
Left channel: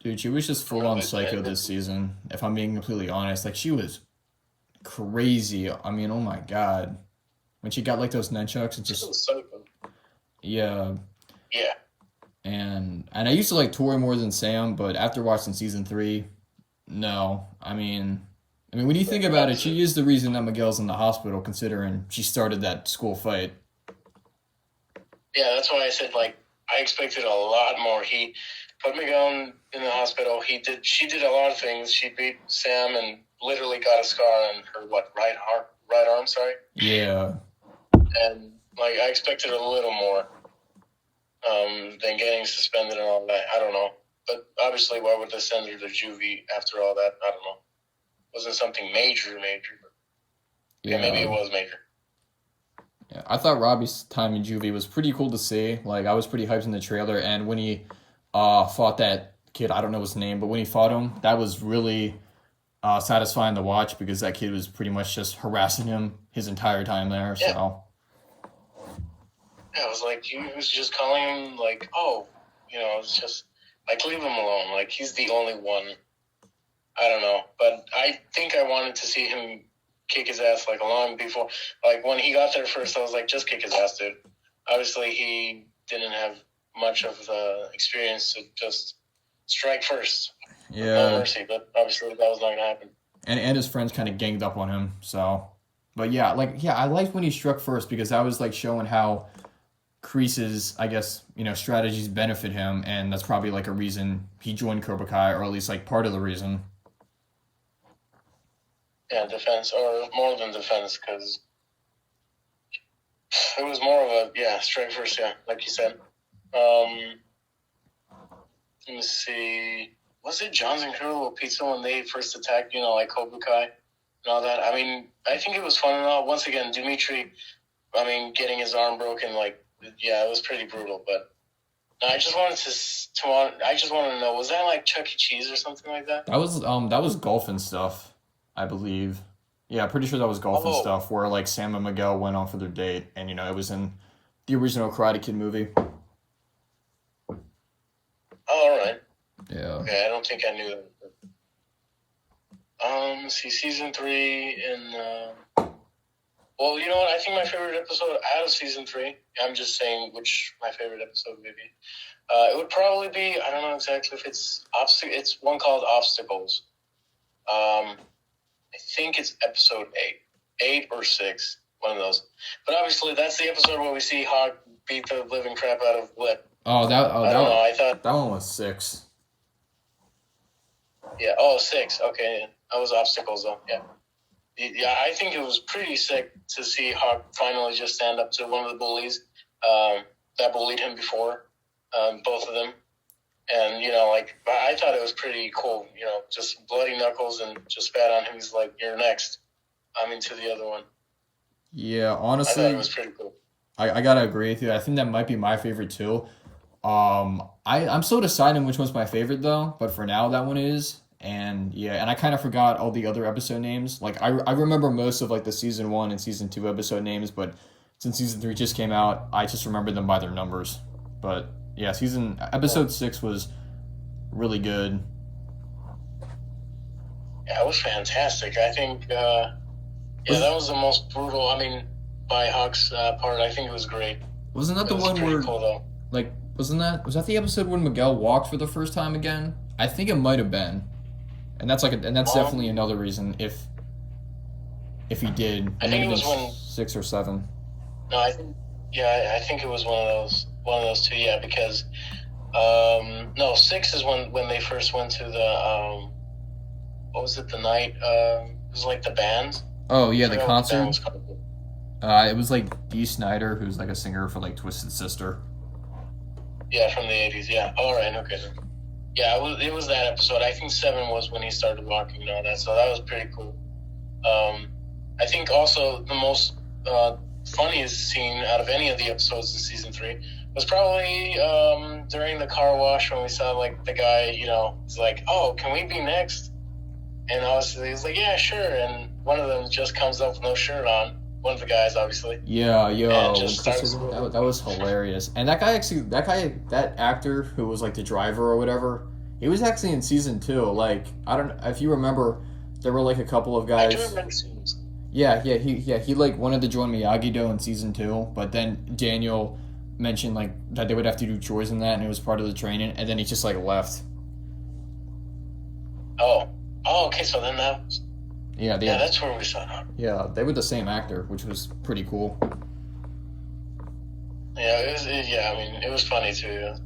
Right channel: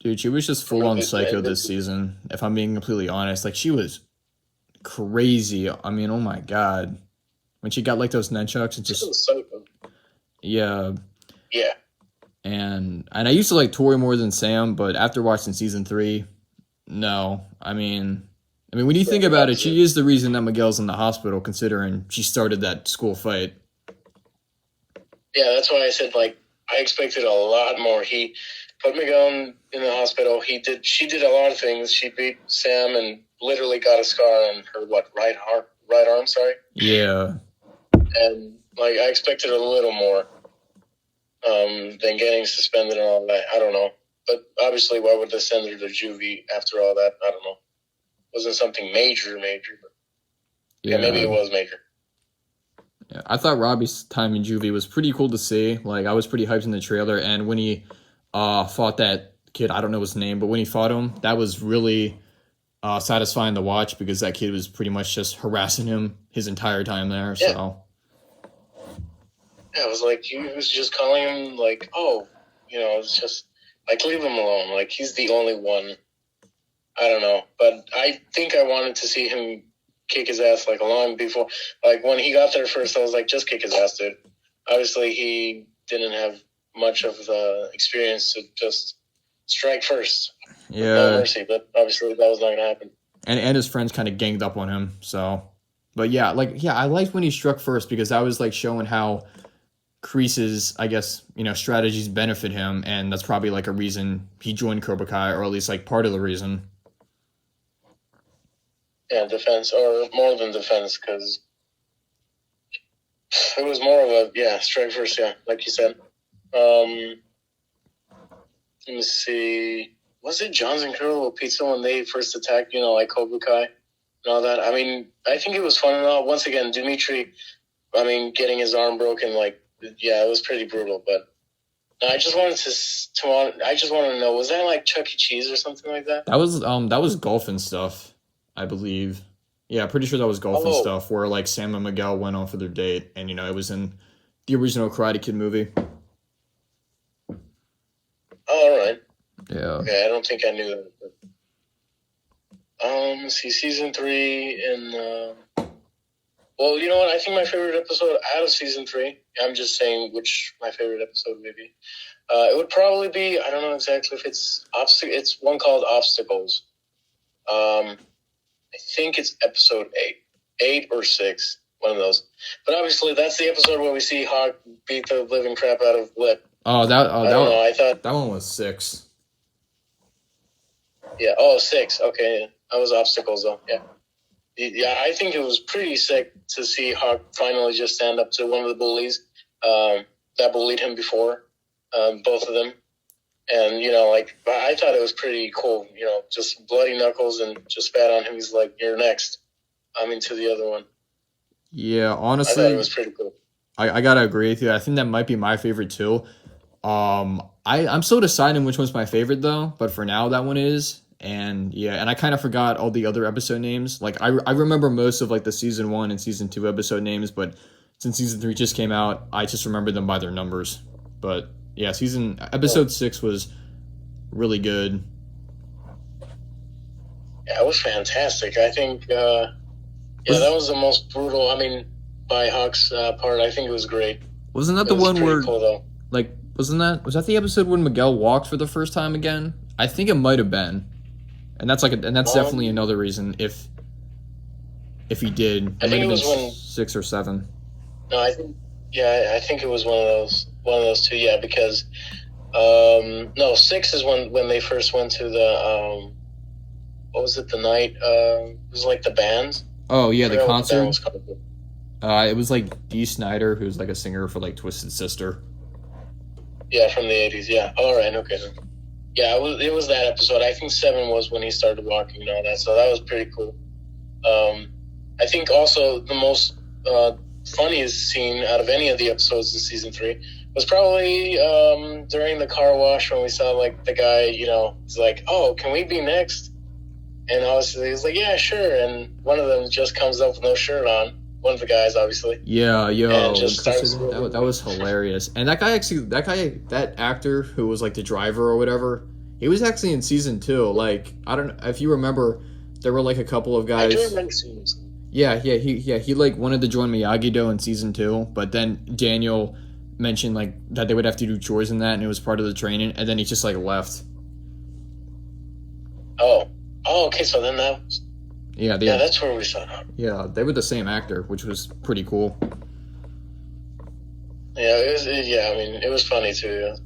Dude, she was just full on psycho this season. If I'm being completely honest, she was crazy. I mean, oh my god, when she got those nunchucks, it's just yeah. Yeah. And I used to like Tori more than Sam, but after watching season 3, no. I mean, when you think about it, she is the reason that Miguel's in the hospital, considering she started that school fight. Yeah, that's why I said I expected a lot more. He put Miguel in the hospital. She did a lot of things. She beat Sam and literally got a scar on her right arm. Sorry. Yeah. And I expected a little more than getting suspended and all that. I don't know, but obviously, why would they send her to juvie after all that? I don't know. Wasn't something major, but yeah, maybe it was major. Yeah, I thought Robbie's time in juvie was pretty cool to see. I was pretty hyped in the trailer, and when he fought that kid, I don't know his name, but when he fought him, that was really satisfying to watch because that kid was pretty much just harassing him his entire time there. Yeah. So. Yeah, it was he was just calling him it's just leave him alone. He's the only one. I don't know, but I think I wanted to see him kick his ass long before. When he got there first, I was just kick his ass, dude. Obviously, he didn't have much of the experience to just strike first. Yeah. No mercy, but obviously that was not going to happen. And his friends kind of ganged up on him. So, but yeah, I liked when he struck first because that was like showing how Kreese's, I guess, strategies benefit him, and that's probably like a reason he joined Cobra Kai, or at least like part of the reason. Yeah, defense, or more than defense, because it was more of a strike first. Yeah, like you said. Let me see. Was it John's Incredible Pizza when they first attacked, like Cobra Kai and all that? I mean, I think it was fun and all. Once again, Dimitri, getting his arm broken, it was pretty brutal. But I just wanted to know, was that like Chuck E. Cheese or something like that? That was golf and stuff, I believe. Yeah, pretty sure that was golf and stuff where like Sam and Miguel went on for their date, and it was in the original Karate Kid movie. Oh, all right. Yeah. Okay, I don't think I knew that. Let's see, season 3 and well, you know what? I think my favorite episode out of season 3. I'm just saying which my favorite episode would be. It would probably be, I don't know exactly if it's one called Obstacles. I think it's episode 8 or 6, one of those. But obviously, that's the episode where we see Hawk beat the living crap out of Lip. I thought that one was 6. Yeah. 6. Okay, that was Obstacles though. Yeah. Yeah, I think it was pretty sick to see Hawk finally just stand up to one of the bullies that bullied him before, both of them. And, I thought it was pretty cool, just bloody knuckles and just spat on him. He's like, you're next. I'm into the other one. Yeah, honestly. I thought it was pretty cool. I gotta agree with you. I think that might be my favorite too. I'm still deciding which one's my favorite though, but for now that one is. And I kind of forgot all the other episode names. Like I remember most of like the season 1 and season 2 episode names, but since season 3 just came out, I just remember them by their numbers. But yeah, episode 6 was really good. Yeah, it was fantastic. I think, that was the most brutal. By Hawk's part, I think it was great. Wasn't that the one where, cool, was that the episode when Miguel walked for the first time again? I think it might have been, and that's definitely another reason if he did. It might have been 6 or 7. No, I think it was one of those two. Yeah, because 6 is when they first went to the what was it? The night it was like the band. Oh yeah, the concert. It was like Dee Snider, who's like a singer for like Twisted Sister. Yeah, from the 80s. Yeah. All right. Okay. Yeah, it was that episode. I think 7 was when he started walking and all that. So that was pretty cool. I think also the most funniest scene out of any of the episodes in season 3 was probably during the car wash when we saw like the guy, he's like, "Oh, can we be next?" And obviously he's like, "Yeah, sure." And one of them just comes up with no shirt on. One of the guys, obviously. Yeah, that was hilarious. And that actor who was like the driver or whatever, he was actually in season 2. Like, I don't know if you remember, there were like a couple of guys. I do remember season 2. He like wanted to join Miyagi-Do in season 2, but then Daniel mentioned like that they would have to do chores in that, and it was part of the training, and then he just like left. Oh, okay. So then that. Yeah, that's where we saw it. Yeah, they were the same actor, which was pretty cool. Yeah, it was funny too. Yeah.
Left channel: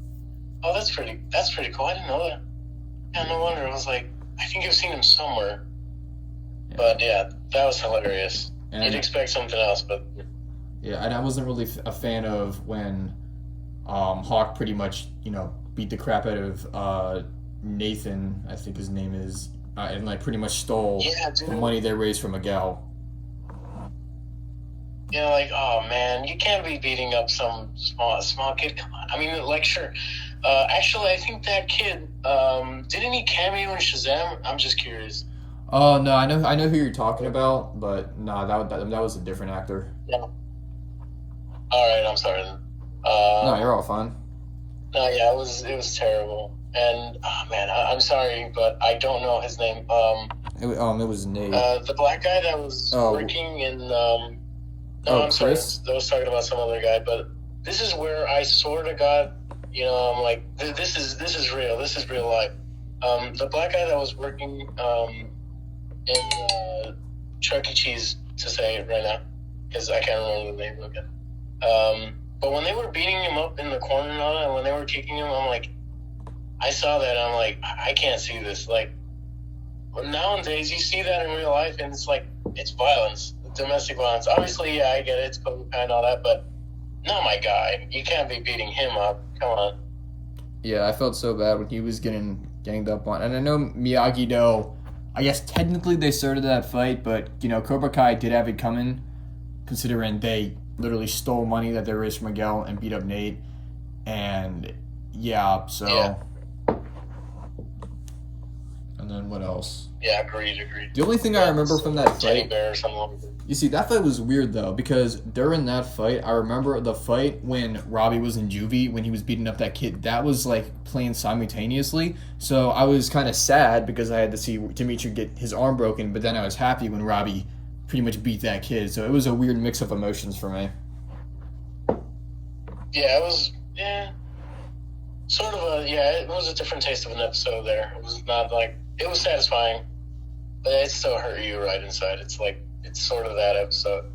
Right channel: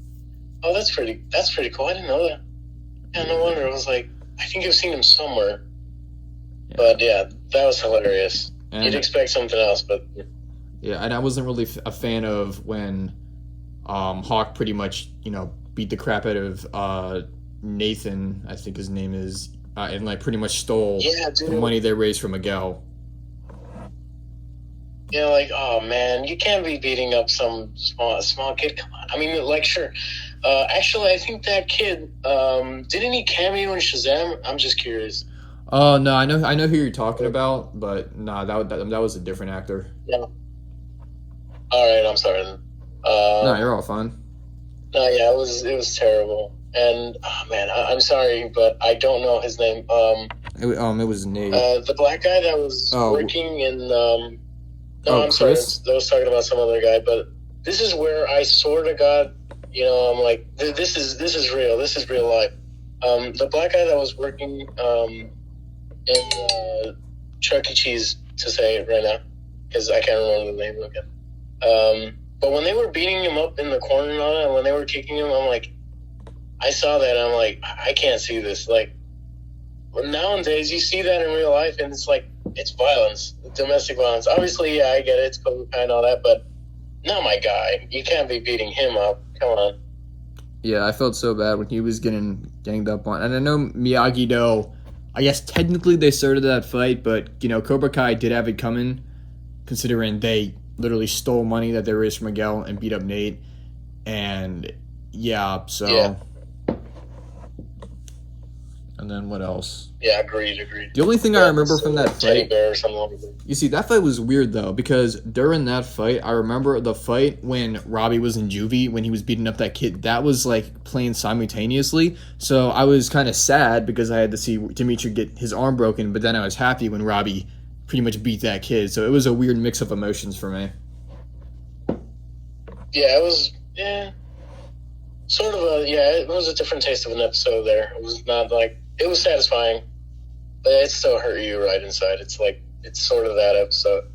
Oh, that's pretty cool. I didn't know that. Yeah, no wonder. It was like, I think I've seen him somewhere. Yeah. But yeah, that was hilarious. And you'd expect something else, but. Yeah, and I wasn't really a fan of when Hawk pretty much, beat the crap out of Nathan, I think his name is, and like pretty much stole the money they raised from Miguel. Like, oh man, you can't be beating up some small kid. Come on. Sure. Actually, I think that kid, didn't he cameo in Shazam? I'm just curious. Oh no, I know who you're talking about, but no, that was a different actor. Yeah. All right, I'm sorry. No, you're all fine. No, yeah, it was terrible. And man, I'm sorry, but I don't know his name. It was Nate. The black guy that was working in. No, I'm Chris? sorry. I was talking about some other guy, but this is where I sort of got I'm like, this is real. This is real life. The black guy that was working in Chuck E. Cheese, to say it right now, because I can't remember the name again. But when they were beating him up in the corner and all that, and when they were kicking him, I'm like, I saw that, and I'm like, I can't see this. Like, nowadays, you see that in real life, and it's like, it's violence, domestic violence. Obviously, yeah, I get it, it's Cobra and all that, but not my guy. You can't be beating him up. Come on. Yeah, I felt so bad when he was getting ganged up on. And I know Miyagi-Do, I guess technically they started that fight, but, Cobra Kai did have it coming, considering they literally stole money that they raised from Miguel and beat up Nate. And, yeah, so... Yeah. And then what else? Yeah, agreed. The only thing I remember from that Teddy fight... bear or something like that. You see, that fight was weird, though, because during that fight, I remember the fight when Robbie was in juvie, when he was beating up that kid. That was, playing simultaneously. So I was kind of sad because I had to see Dimitri get his arm broken, but then I was happy when Robbie pretty much beat that kid. So it was a weird mix of emotions for me. Yeah, it was... Yeah. Sort of it was a different taste of an episode there. It was not like... It was satisfying, but it still hurt you right inside. It's like, it's sort of that episode.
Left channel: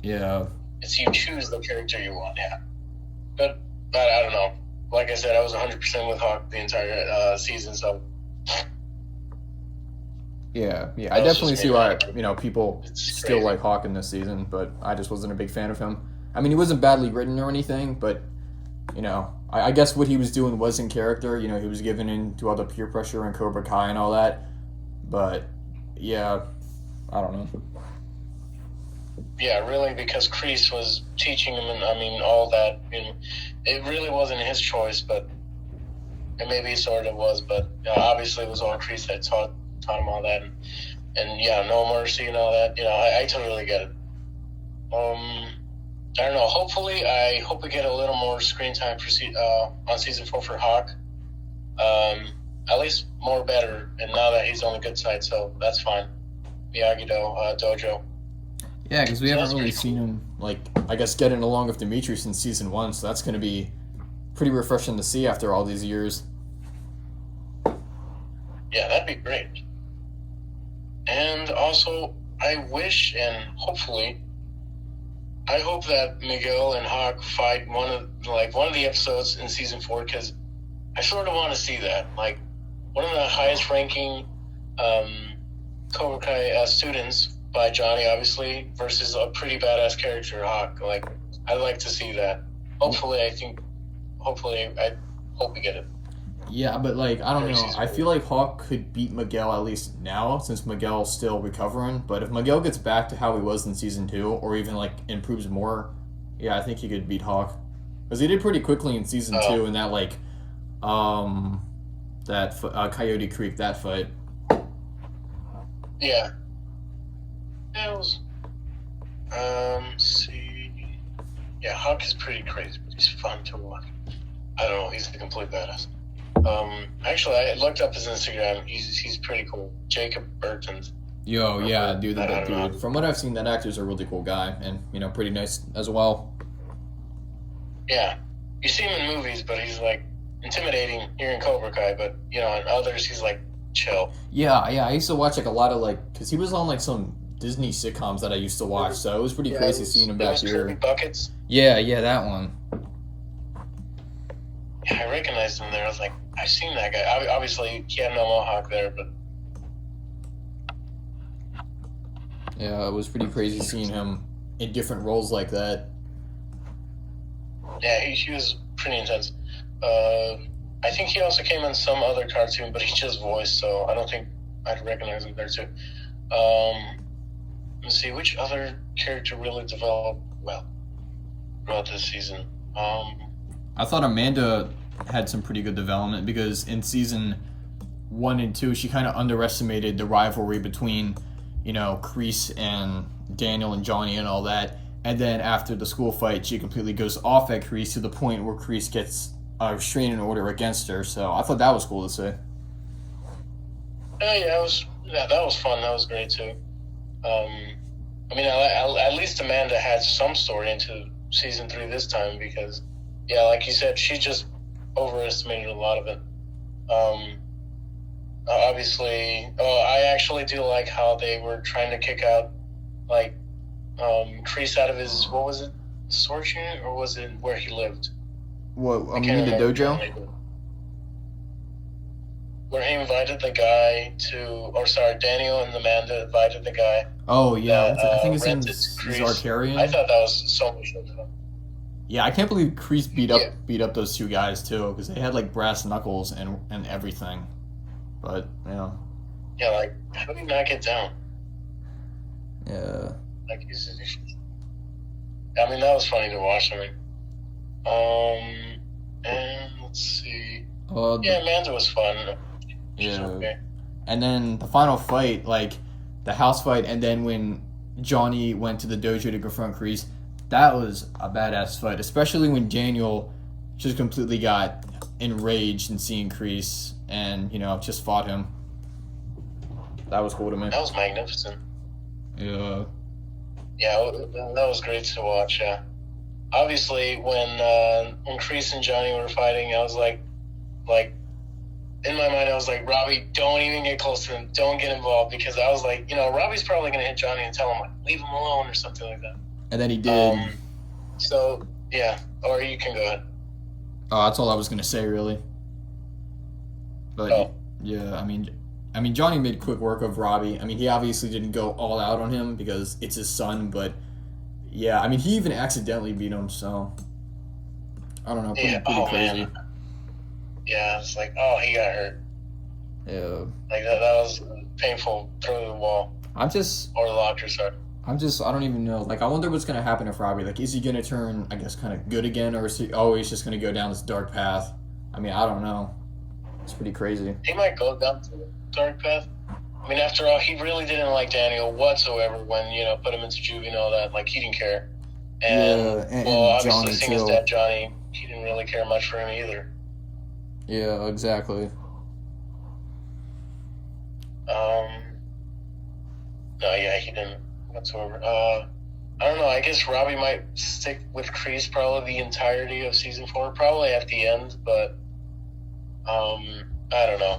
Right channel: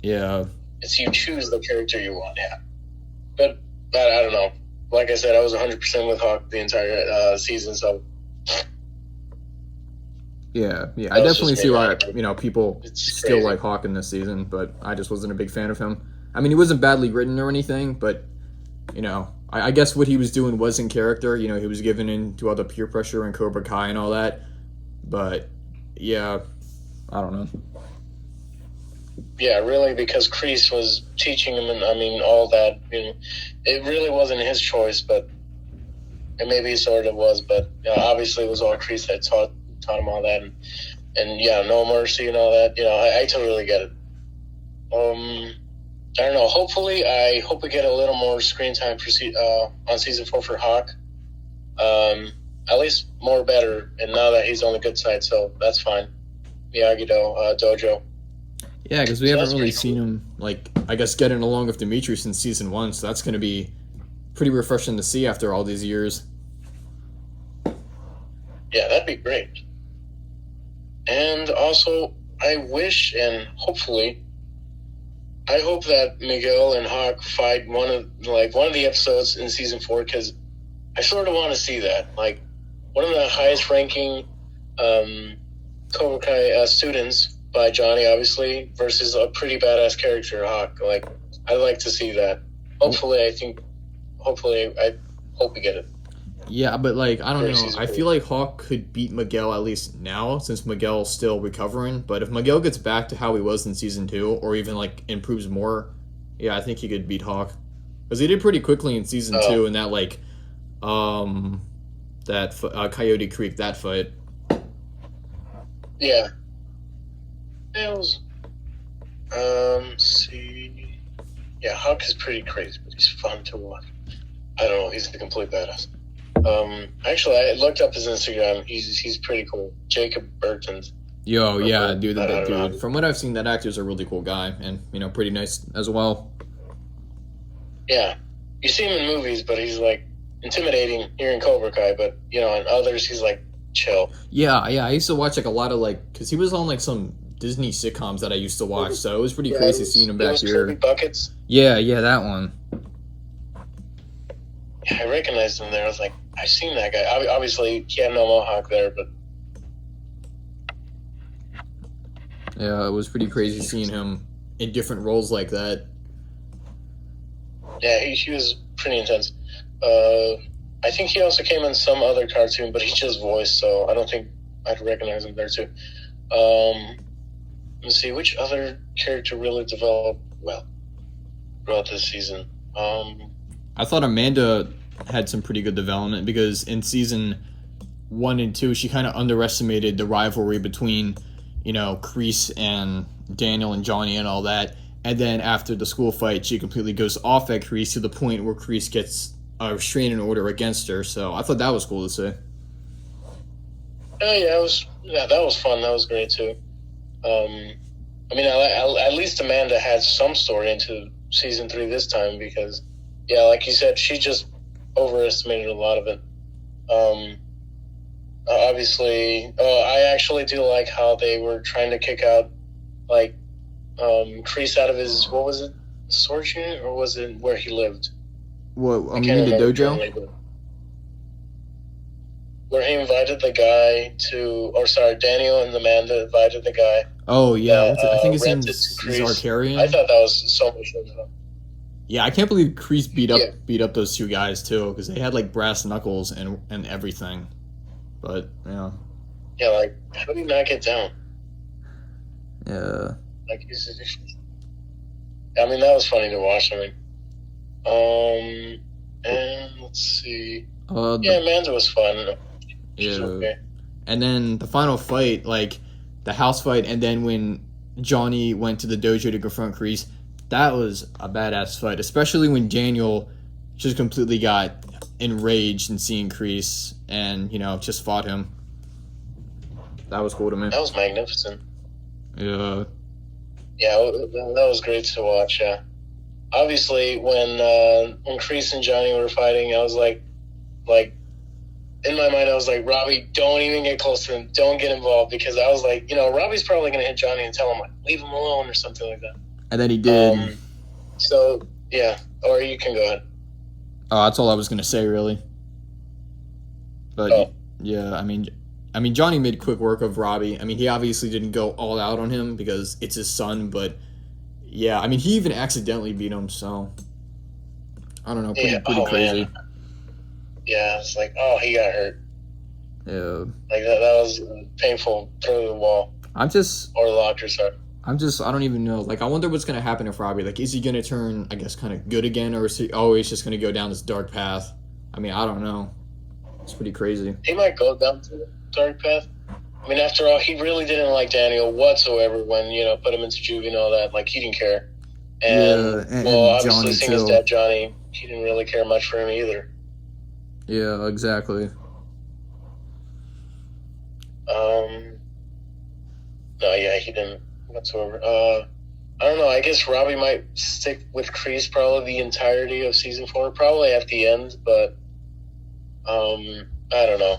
Yeah. It's you choose the character you want, yeah. But I don't know. Like I said, I was 100% with Hawk the entire season, so... Yeah. I definitely see why, people still like Hawk in this season, but I just wasn't a big fan of him. I mean, he wasn't badly written or anything, but, I guess what he was doing was in character. He was giving in to all the peer pressure and Cobra Kai and all that. But, yeah, I don't know. Yeah, really, because Kreese was teaching him and, all that. It really wasn't his choice, but it maybe sort of was. But obviously it was all Kreese that taught him all that. And No Mercy and all that. I totally get it. I don't know. Hopefully, I hope we get a little more screen time for on season 4 for Hawk. At least more better. And now that he's on the good side, so that's fine. Miyagi-Do, Dojo. Yeah, because we haven't really seen him, I guess, getting along with Dimitri since season 1, so that's going to be pretty refreshing to see after all these years. Yeah, that'd be great. And also, I wish and hopefully... I hope that Miguel and Hawk fight one of the episodes in season 4, because I sort of want to see that. Like, one of the highest ranking Cobra Kai students by Johnny, obviously, versus a pretty badass character, Hawk. Like, I'd like to see that. Hopefully, I hope we get it. Yeah, but, I don't know. I feel like Hawk could beat Miguel at least now, since Miguel's still recovering. But if Miguel gets back to how he was in Season 2, or even, improves more, yeah, I think he could beat Hawk. Because he did pretty quickly in Season 2 in that, Coyote Creek, that fight. Yeah. It was... see... Yeah, Hawk is pretty crazy, but he's fun to watch. I don't know, he's a complete badass. Actually, I looked up his Instagram. He's pretty cool. Jacob Burton's. Yo, yeah, dude. From what I've seen, that actor's a really cool guy, and pretty nice as well. Yeah, you see him in movies, but he's intimidating here in Cobra Kai. But in others, he's chill. Yeah. I used to watch a lot of because he was on some Disney sitcoms that I used to watch, so it was pretty crazy seeing him back here. Buckets. Yeah, that one. Yeah, I recognized him there. I was like, I've seen that guy. Obviously, he had no mohawk there, but... Yeah, it was pretty crazy seeing him in different roles like that. Yeah, he was pretty intense. I think he also came in some other cartoon, but he just voiced, so I don't think I'd recognize him there, too. Let's see, which other character really developed well throughout this season? I thought Amanda had some pretty good development because in season 1 and 2, she kind of underestimated the rivalry between, Kreese and Daniel and Johnny and all that. And then after the school fight, she completely goes off at Kreese to the point where Kreese gets a restraining order against her. So I thought that was cool to see. That was fun. That was great too. At least Amanda had some story into season 3 this time because, like you said, she just overestimated a lot of it. Obviously, I actually do like how they were trying to kick out like Kreese out of his, what was it, storage unit, or was it where he lived? What? I You can't mean the remember dojo? currently, where he invited the guy to, or sorry, Daniel and Amanda invited the guy Oh yeah, that what's it? I think his rented to name's Kreese. I Zarkarian. thought that was so much fun. Yeah, I can't believe Kreese Yeah, beat up those two guys too, because they had like brass knuckles and everything. But yeah, like how do you not get down? yeah, Like I mean, that was funny to watch. I mean, and let's see. Yeah, the, Amanda was fun. She's yeah. okay. And then the final fight, like the house fight, and then when Johnny went to the dojo to confront Kreese, that was a badass fight, especially when Daniel just completely got enraged in seeing Kreese and just fought him. That was cool to me. That was magnificent. Yeah. Yeah, that was great to watch. Yeah, obviously when Kreese and Johnny were fighting, I was like in my mind, I was like, Robbie, don't even get close to him. Don't get involved, because I was like, Robbie's probably gonna hit Johnny and tell him like, leave him alone or something like that. And then he did. So yeah, or you can go ahead. Oh, that's all I was gonna say, really. But yeah, I mean, Johnny made quick work of Robbie. I mean, he obviously didn't go all out on him because it's his son, but yeah, I mean, he even accidentally beat him, so I don't know, pretty crazy. Man. Yeah, it's like, oh, he got hurt. Yeah. Like that was painful throw to the wall. I'm just, or Lodger, sorry. I don't even know. Like, I wonder what's gonna happen if Robbie, like, is he gonna turn, I guess, kind of good again, or is he always just gonna go down this dark path? I mean, I don't know. It's pretty crazy. He might go down to the dark path. I mean, after all, he really didn't like Daniel whatsoever when, put him into juvie and all that. Like, he didn't care. And, and obviously, Johnny seeing his dad, Johnny, he didn't really care much for him either. Yeah, exactly. No, yeah, he didn't whatsoever. I don't know. I guess Robbie might stick with Kreese probably the entirety of season 4, probably at the end, but I don't know.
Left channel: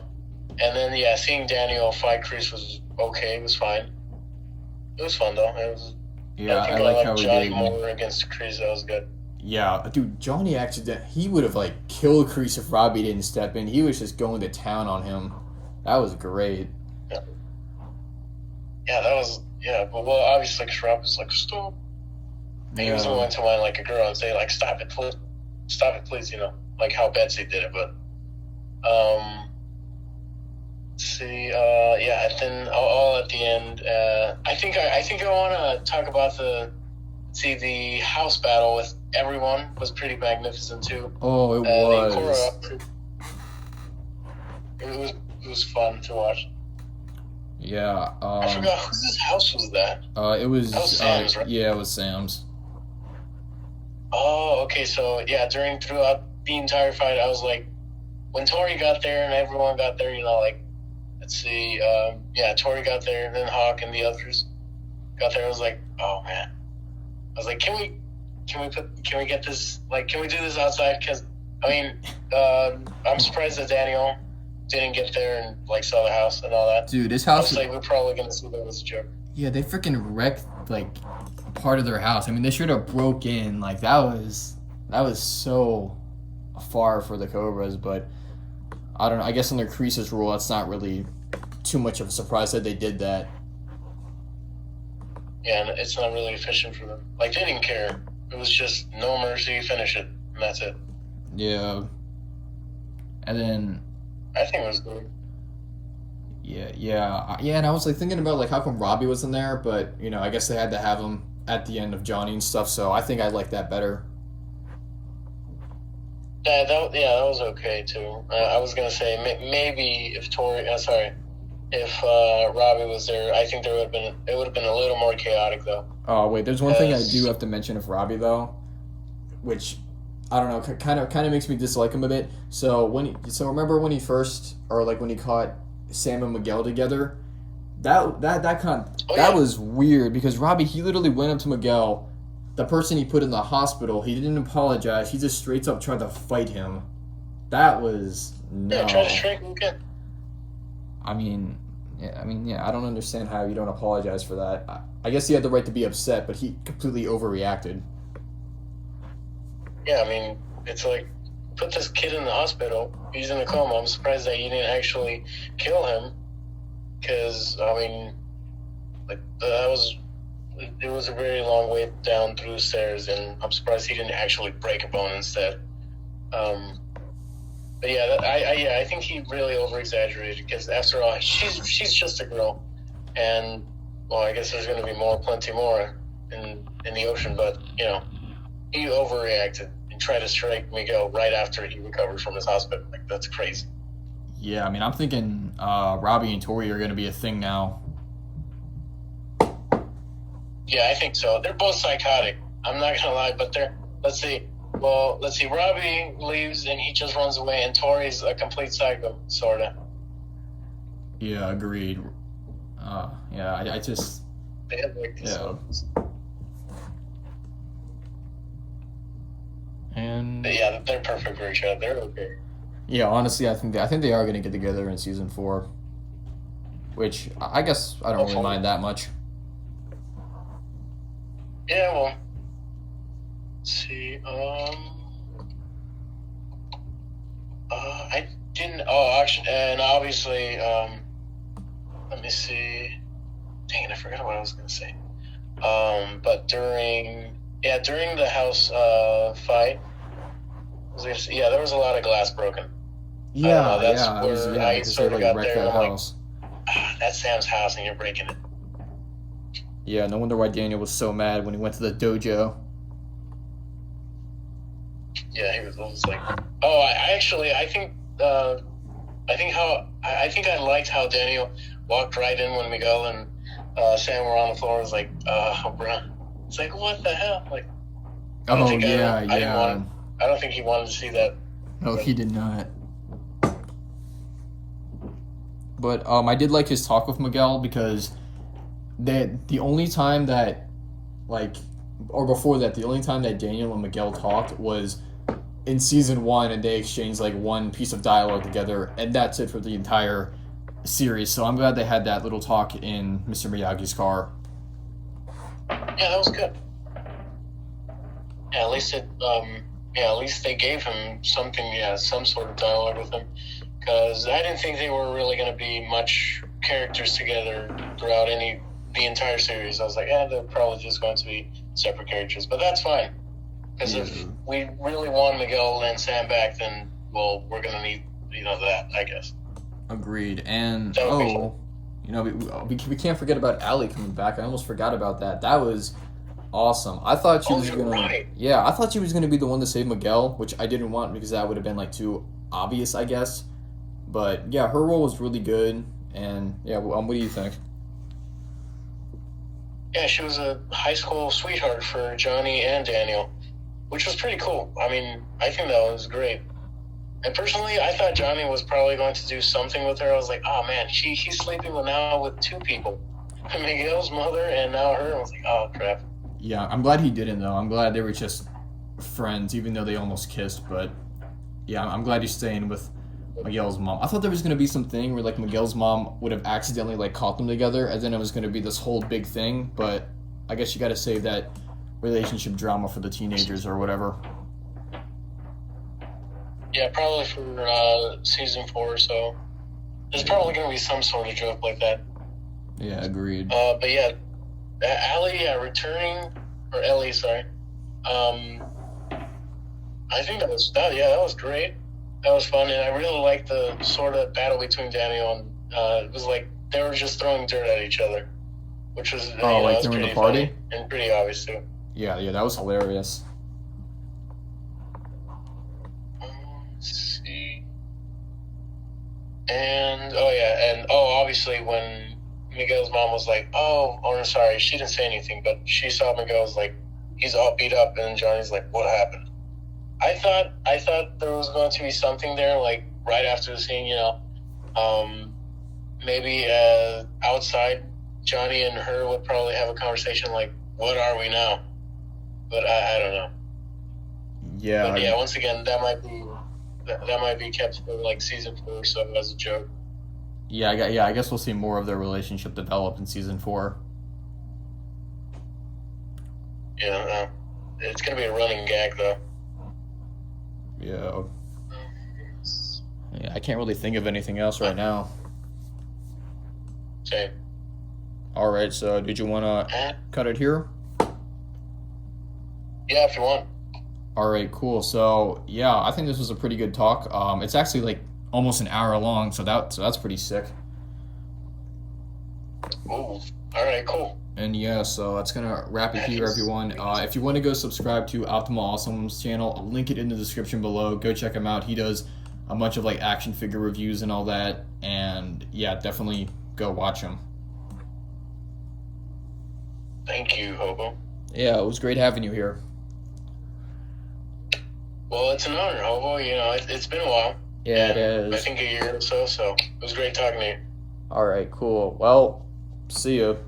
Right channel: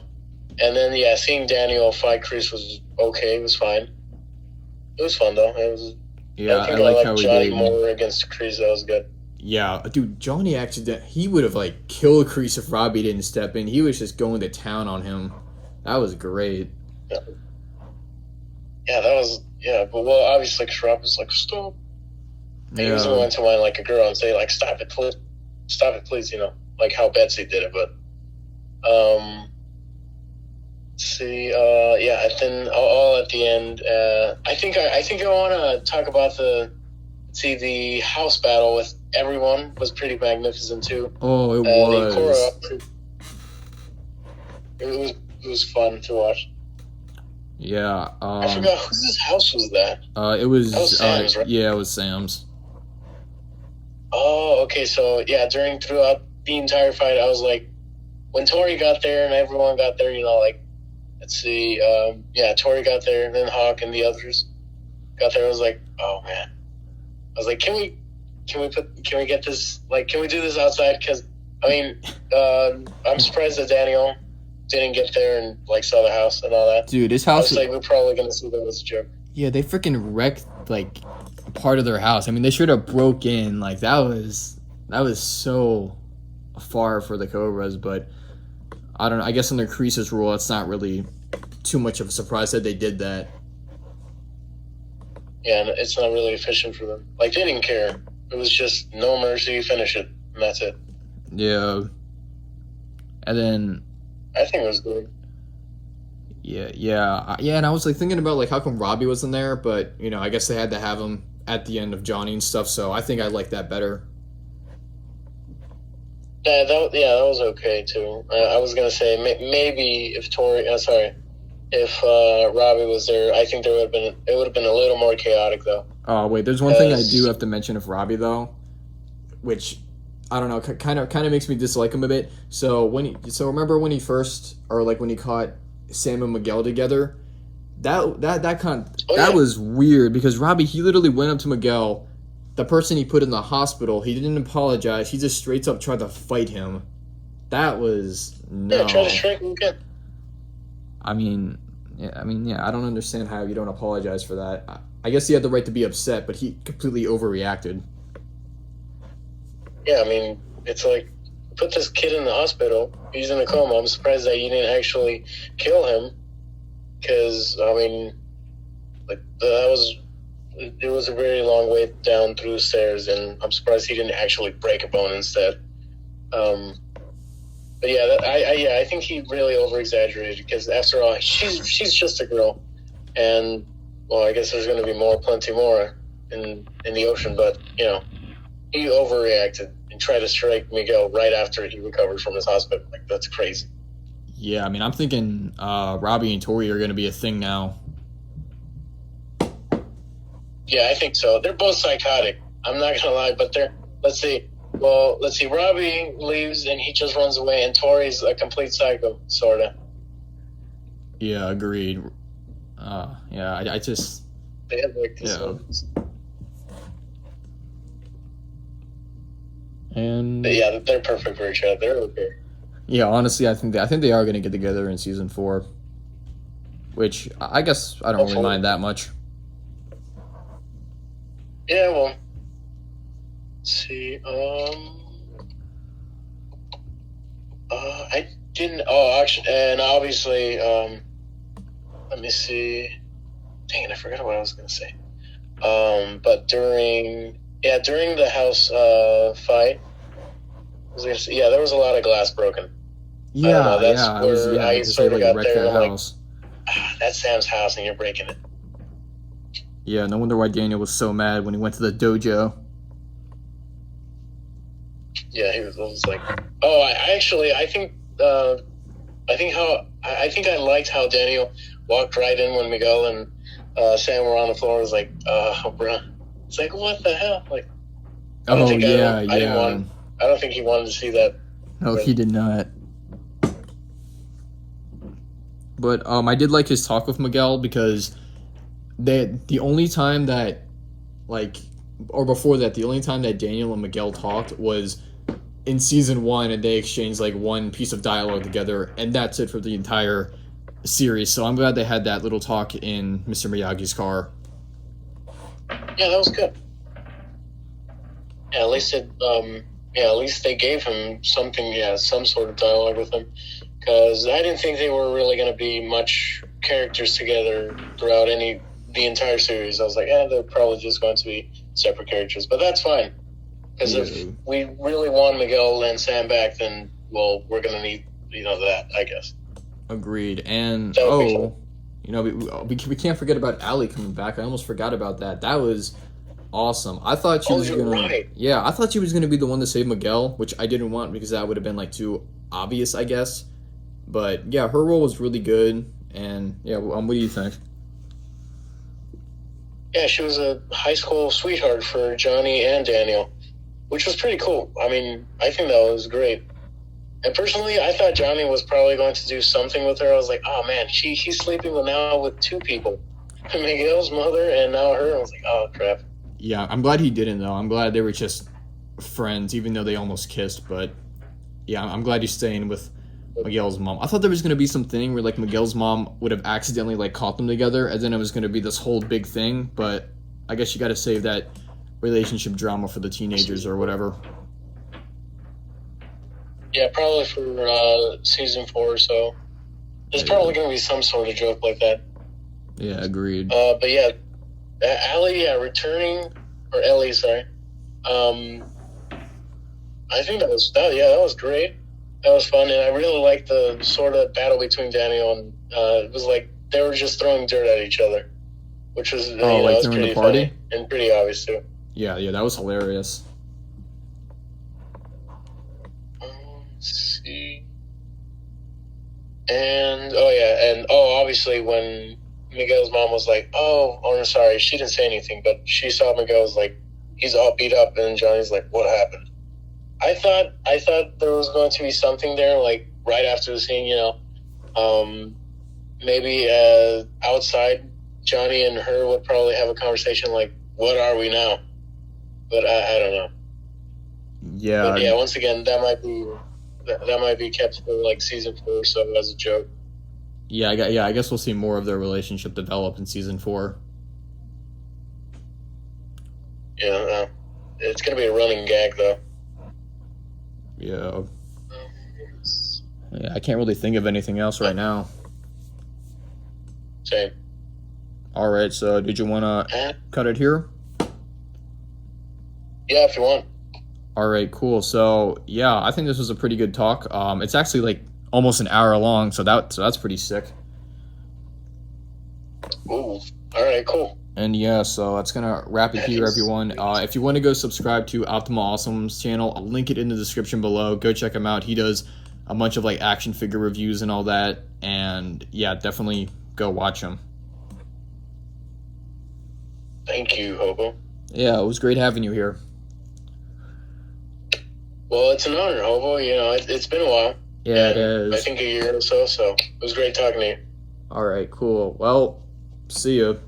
And then, yeah, seeing Daniel fight Kreese was okay. It was fine. It was fun, though. It was. Yeah, I like how he Johnny did. more against Kreese. That was good. Yeah, dude, Johnny he would have, like, killed Kreese if Robbie didn't step in. He was just going to town on him. That was great. Yeah. Yeah, that was, but well, obviously, because Rob was like, stop. And he was the one to whine like a girl and say, like, stop it, please, like how Betsy did it, but, see, and then all at the end, I think I want to talk about the house battle with everyone was pretty magnificent, too. Oh, it was. Cobra, it was fun to watch. Yeah. I forgot whose house was that. It was Sam's, right? Yeah, it was Sam's. Oh, okay. So yeah, throughout the entire fight, I was like, when Tori got there and everyone got there, like, let's see, Tori got there, and then Hawk and the others got there. I was like, oh man. I was like, can we get this? Like, can we do this outside? Because I mean, I'm surprised that Daniel didn't get there and like saw the house and all that. Dude, this house. I was like, we're probably gonna see that as a joke. Yeah, they freaking wrecked like a part of their house. I mean, they should have broke in. Like that was so far for the Cobras, but I don't know. I guess under Kreese's rule, that's not really too much of a surprise that they did that. Yeah, and it's not really efficient for them. Like they didn't care. It was just no mercy, finish it, and that's it. Yeah. And then. I think it was good. Yeah, and I was like thinking about like how come Robbie wasn't there, but I guess they had to have him at the end of Johnny and stuff. So I think I like that better. Yeah, that was okay too. I was gonna say maybe if Robbie was there, I think it would have been a little more chaotic though. Oh wait, there's one thing I do have to mention of Robbie though, which I don't know, kind of makes me dislike him a bit. So remember when he caught Sam and Miguel together, that was weird because Robbie, he literally went up to Miguel, the person he put in the hospital. He didn't apologize. He just straight up tried to fight him. That was Yeah, try to no. strike him again. I mean, yeah. I don't understand how you don't apologize for that. I guess he had the right to be upset, but he completely overreacted. Yeah, I mean, it's like, put this kid in the hospital. He's in a coma. I'm surprised that you didn't actually kill him. Because, I mean, like, it was a very long way down through the stairs, and I'm surprised he didn't actually break a bone instead. But yeah, I think he really over exaggerated because after all, she's just a girl, and well, I guess there's going to be plenty more in the ocean. But he overreacted and tried to strike Miguel right after he recovered from his hospital. Like, that's crazy. Yeah, I mean, I'm thinking Robbie and Tori are going to be a thing now. Yeah, I think so. They're both psychotic. I'm not gonna lie, but they're. Let's see. Well, let's see. Robbie leaves and he just runs away, and Tori's a complete psycho, sorta. Yeah, agreed. Yeah, I just They have like this. yeah. And But yeah, they're perfect for each other. They're okay. yeah, honestly, I think they are going to get together in season 4, which I guess I don't really mind that much. Yeah, well, let's see. I didn't. Oh, actually, and obviously, let me see. Dang it, I forgot what I was gonna say. But during the house fight, there was a lot of glass broken. Yeah, that's yeah, it was, where yeah, I because sort they of like got wrecked there. that And I'm house. like, that's Sam's house, and you're breaking it. Yeah, no wonder why Daniel was so mad when he went to the dojo. Yeah, he was like, oh, I think I liked how Daniel walked right in when Miguel and Sam were on the floor. It was like, bruh. It's like, what the hell? Like, Oh yeah, I don't think he wanted to see that. No, he did not. But I did like his talk with Miguel because the only time that the only time that Daniel and Miguel talked was in season 1, and they exchanged like one piece of dialogue together, and that's it for the entire series. So I'm glad they had that little talk in Mr. Miyagi's car. Yeah, that was good. Yeah, at least they gave him something. Yeah, some sort of dialogue with him, because I didn't think they were really going to be much characters together throughout the entire series. I was like, they're probably just going to be separate characters, but that's fine. Because if we really want Miguel and Sam back, then we're going to need that, I guess. Agreed. And we can't forget about Allie coming back. I almost forgot about that. That was awesome. I thought she was gonna. Right. Yeah, I thought she was gonna be the one to save Miguel, which I didn't want because that would have been like too obvious, I guess. But yeah, her role was really good. And yeah, what do you think? Yeah, she was a high school sweetheart for Johnny and Daniel, which was pretty cool. I mean, I think that was great. And personally, I thought Johnny was probably going to do something with her. I was like, oh man, he's sleeping now with 2 people. Miguel's mother and now her. I was like, oh crap. Yeah, I'm glad he didn't though. I'm glad they were just friends, even though they almost kissed. But yeah, I'm glad he's staying with Miguel's mom. I thought there was gonna be something where like Miguel's mom would have accidentally like caught them together, and then it was gonna be this whole big thing. But I guess you got to save that relationship drama for the teenagers or whatever. Yeah, probably for season 4 or so. There's probably gonna be some sort of joke like that. Yeah, agreed. But yeah, Ellie Ellie, sorry. I think that was great. That was fun, and I really liked the sort of battle between Daniel and it was like they were just throwing dirt at each other, which was like during the party and pretty obvious too. Yeah, that was hilarious. Let's see. And obviously when Miguel's mom was like, I'm sorry, she didn't say anything, but she saw Miguel was like, he's all beat up, and Johnny's like, what happened? I thought there was going to be something there, like right after the scene, maybe outside, Johnny and her would probably have a conversation like, what are we now? But I don't know. Yeah. But yeah, once again, that might be that might be kept for like season 4 or so as a joke. Yeah, I guess we'll see more of their relationship develop in season 4. Yeah, it's gonna be a running gag though. Yeah. Yeah, I can't really think of anything else right now. Same. All right, so did you want to cut it here? Yeah, if you want. All right, cool. So yeah, I think this was a pretty good talk. It's actually like almost an hour long, so that's pretty sick. Ooh. All right, cool. And yeah, so that's gonna wrap it here, everyone. If you want to go subscribe to Optimuawsome's channel, I'll link it in the description below. Go check him out. He does a bunch of like action figure reviews and all that. And yeah, definitely go watch him. Thank you, Hobo. Yeah, it was great having you here. Well, it's an honor, Hobo. You know, it's been a while. Yeah, it is. I think a year or so. So it was great talking to you. All right, cool. Well, see you.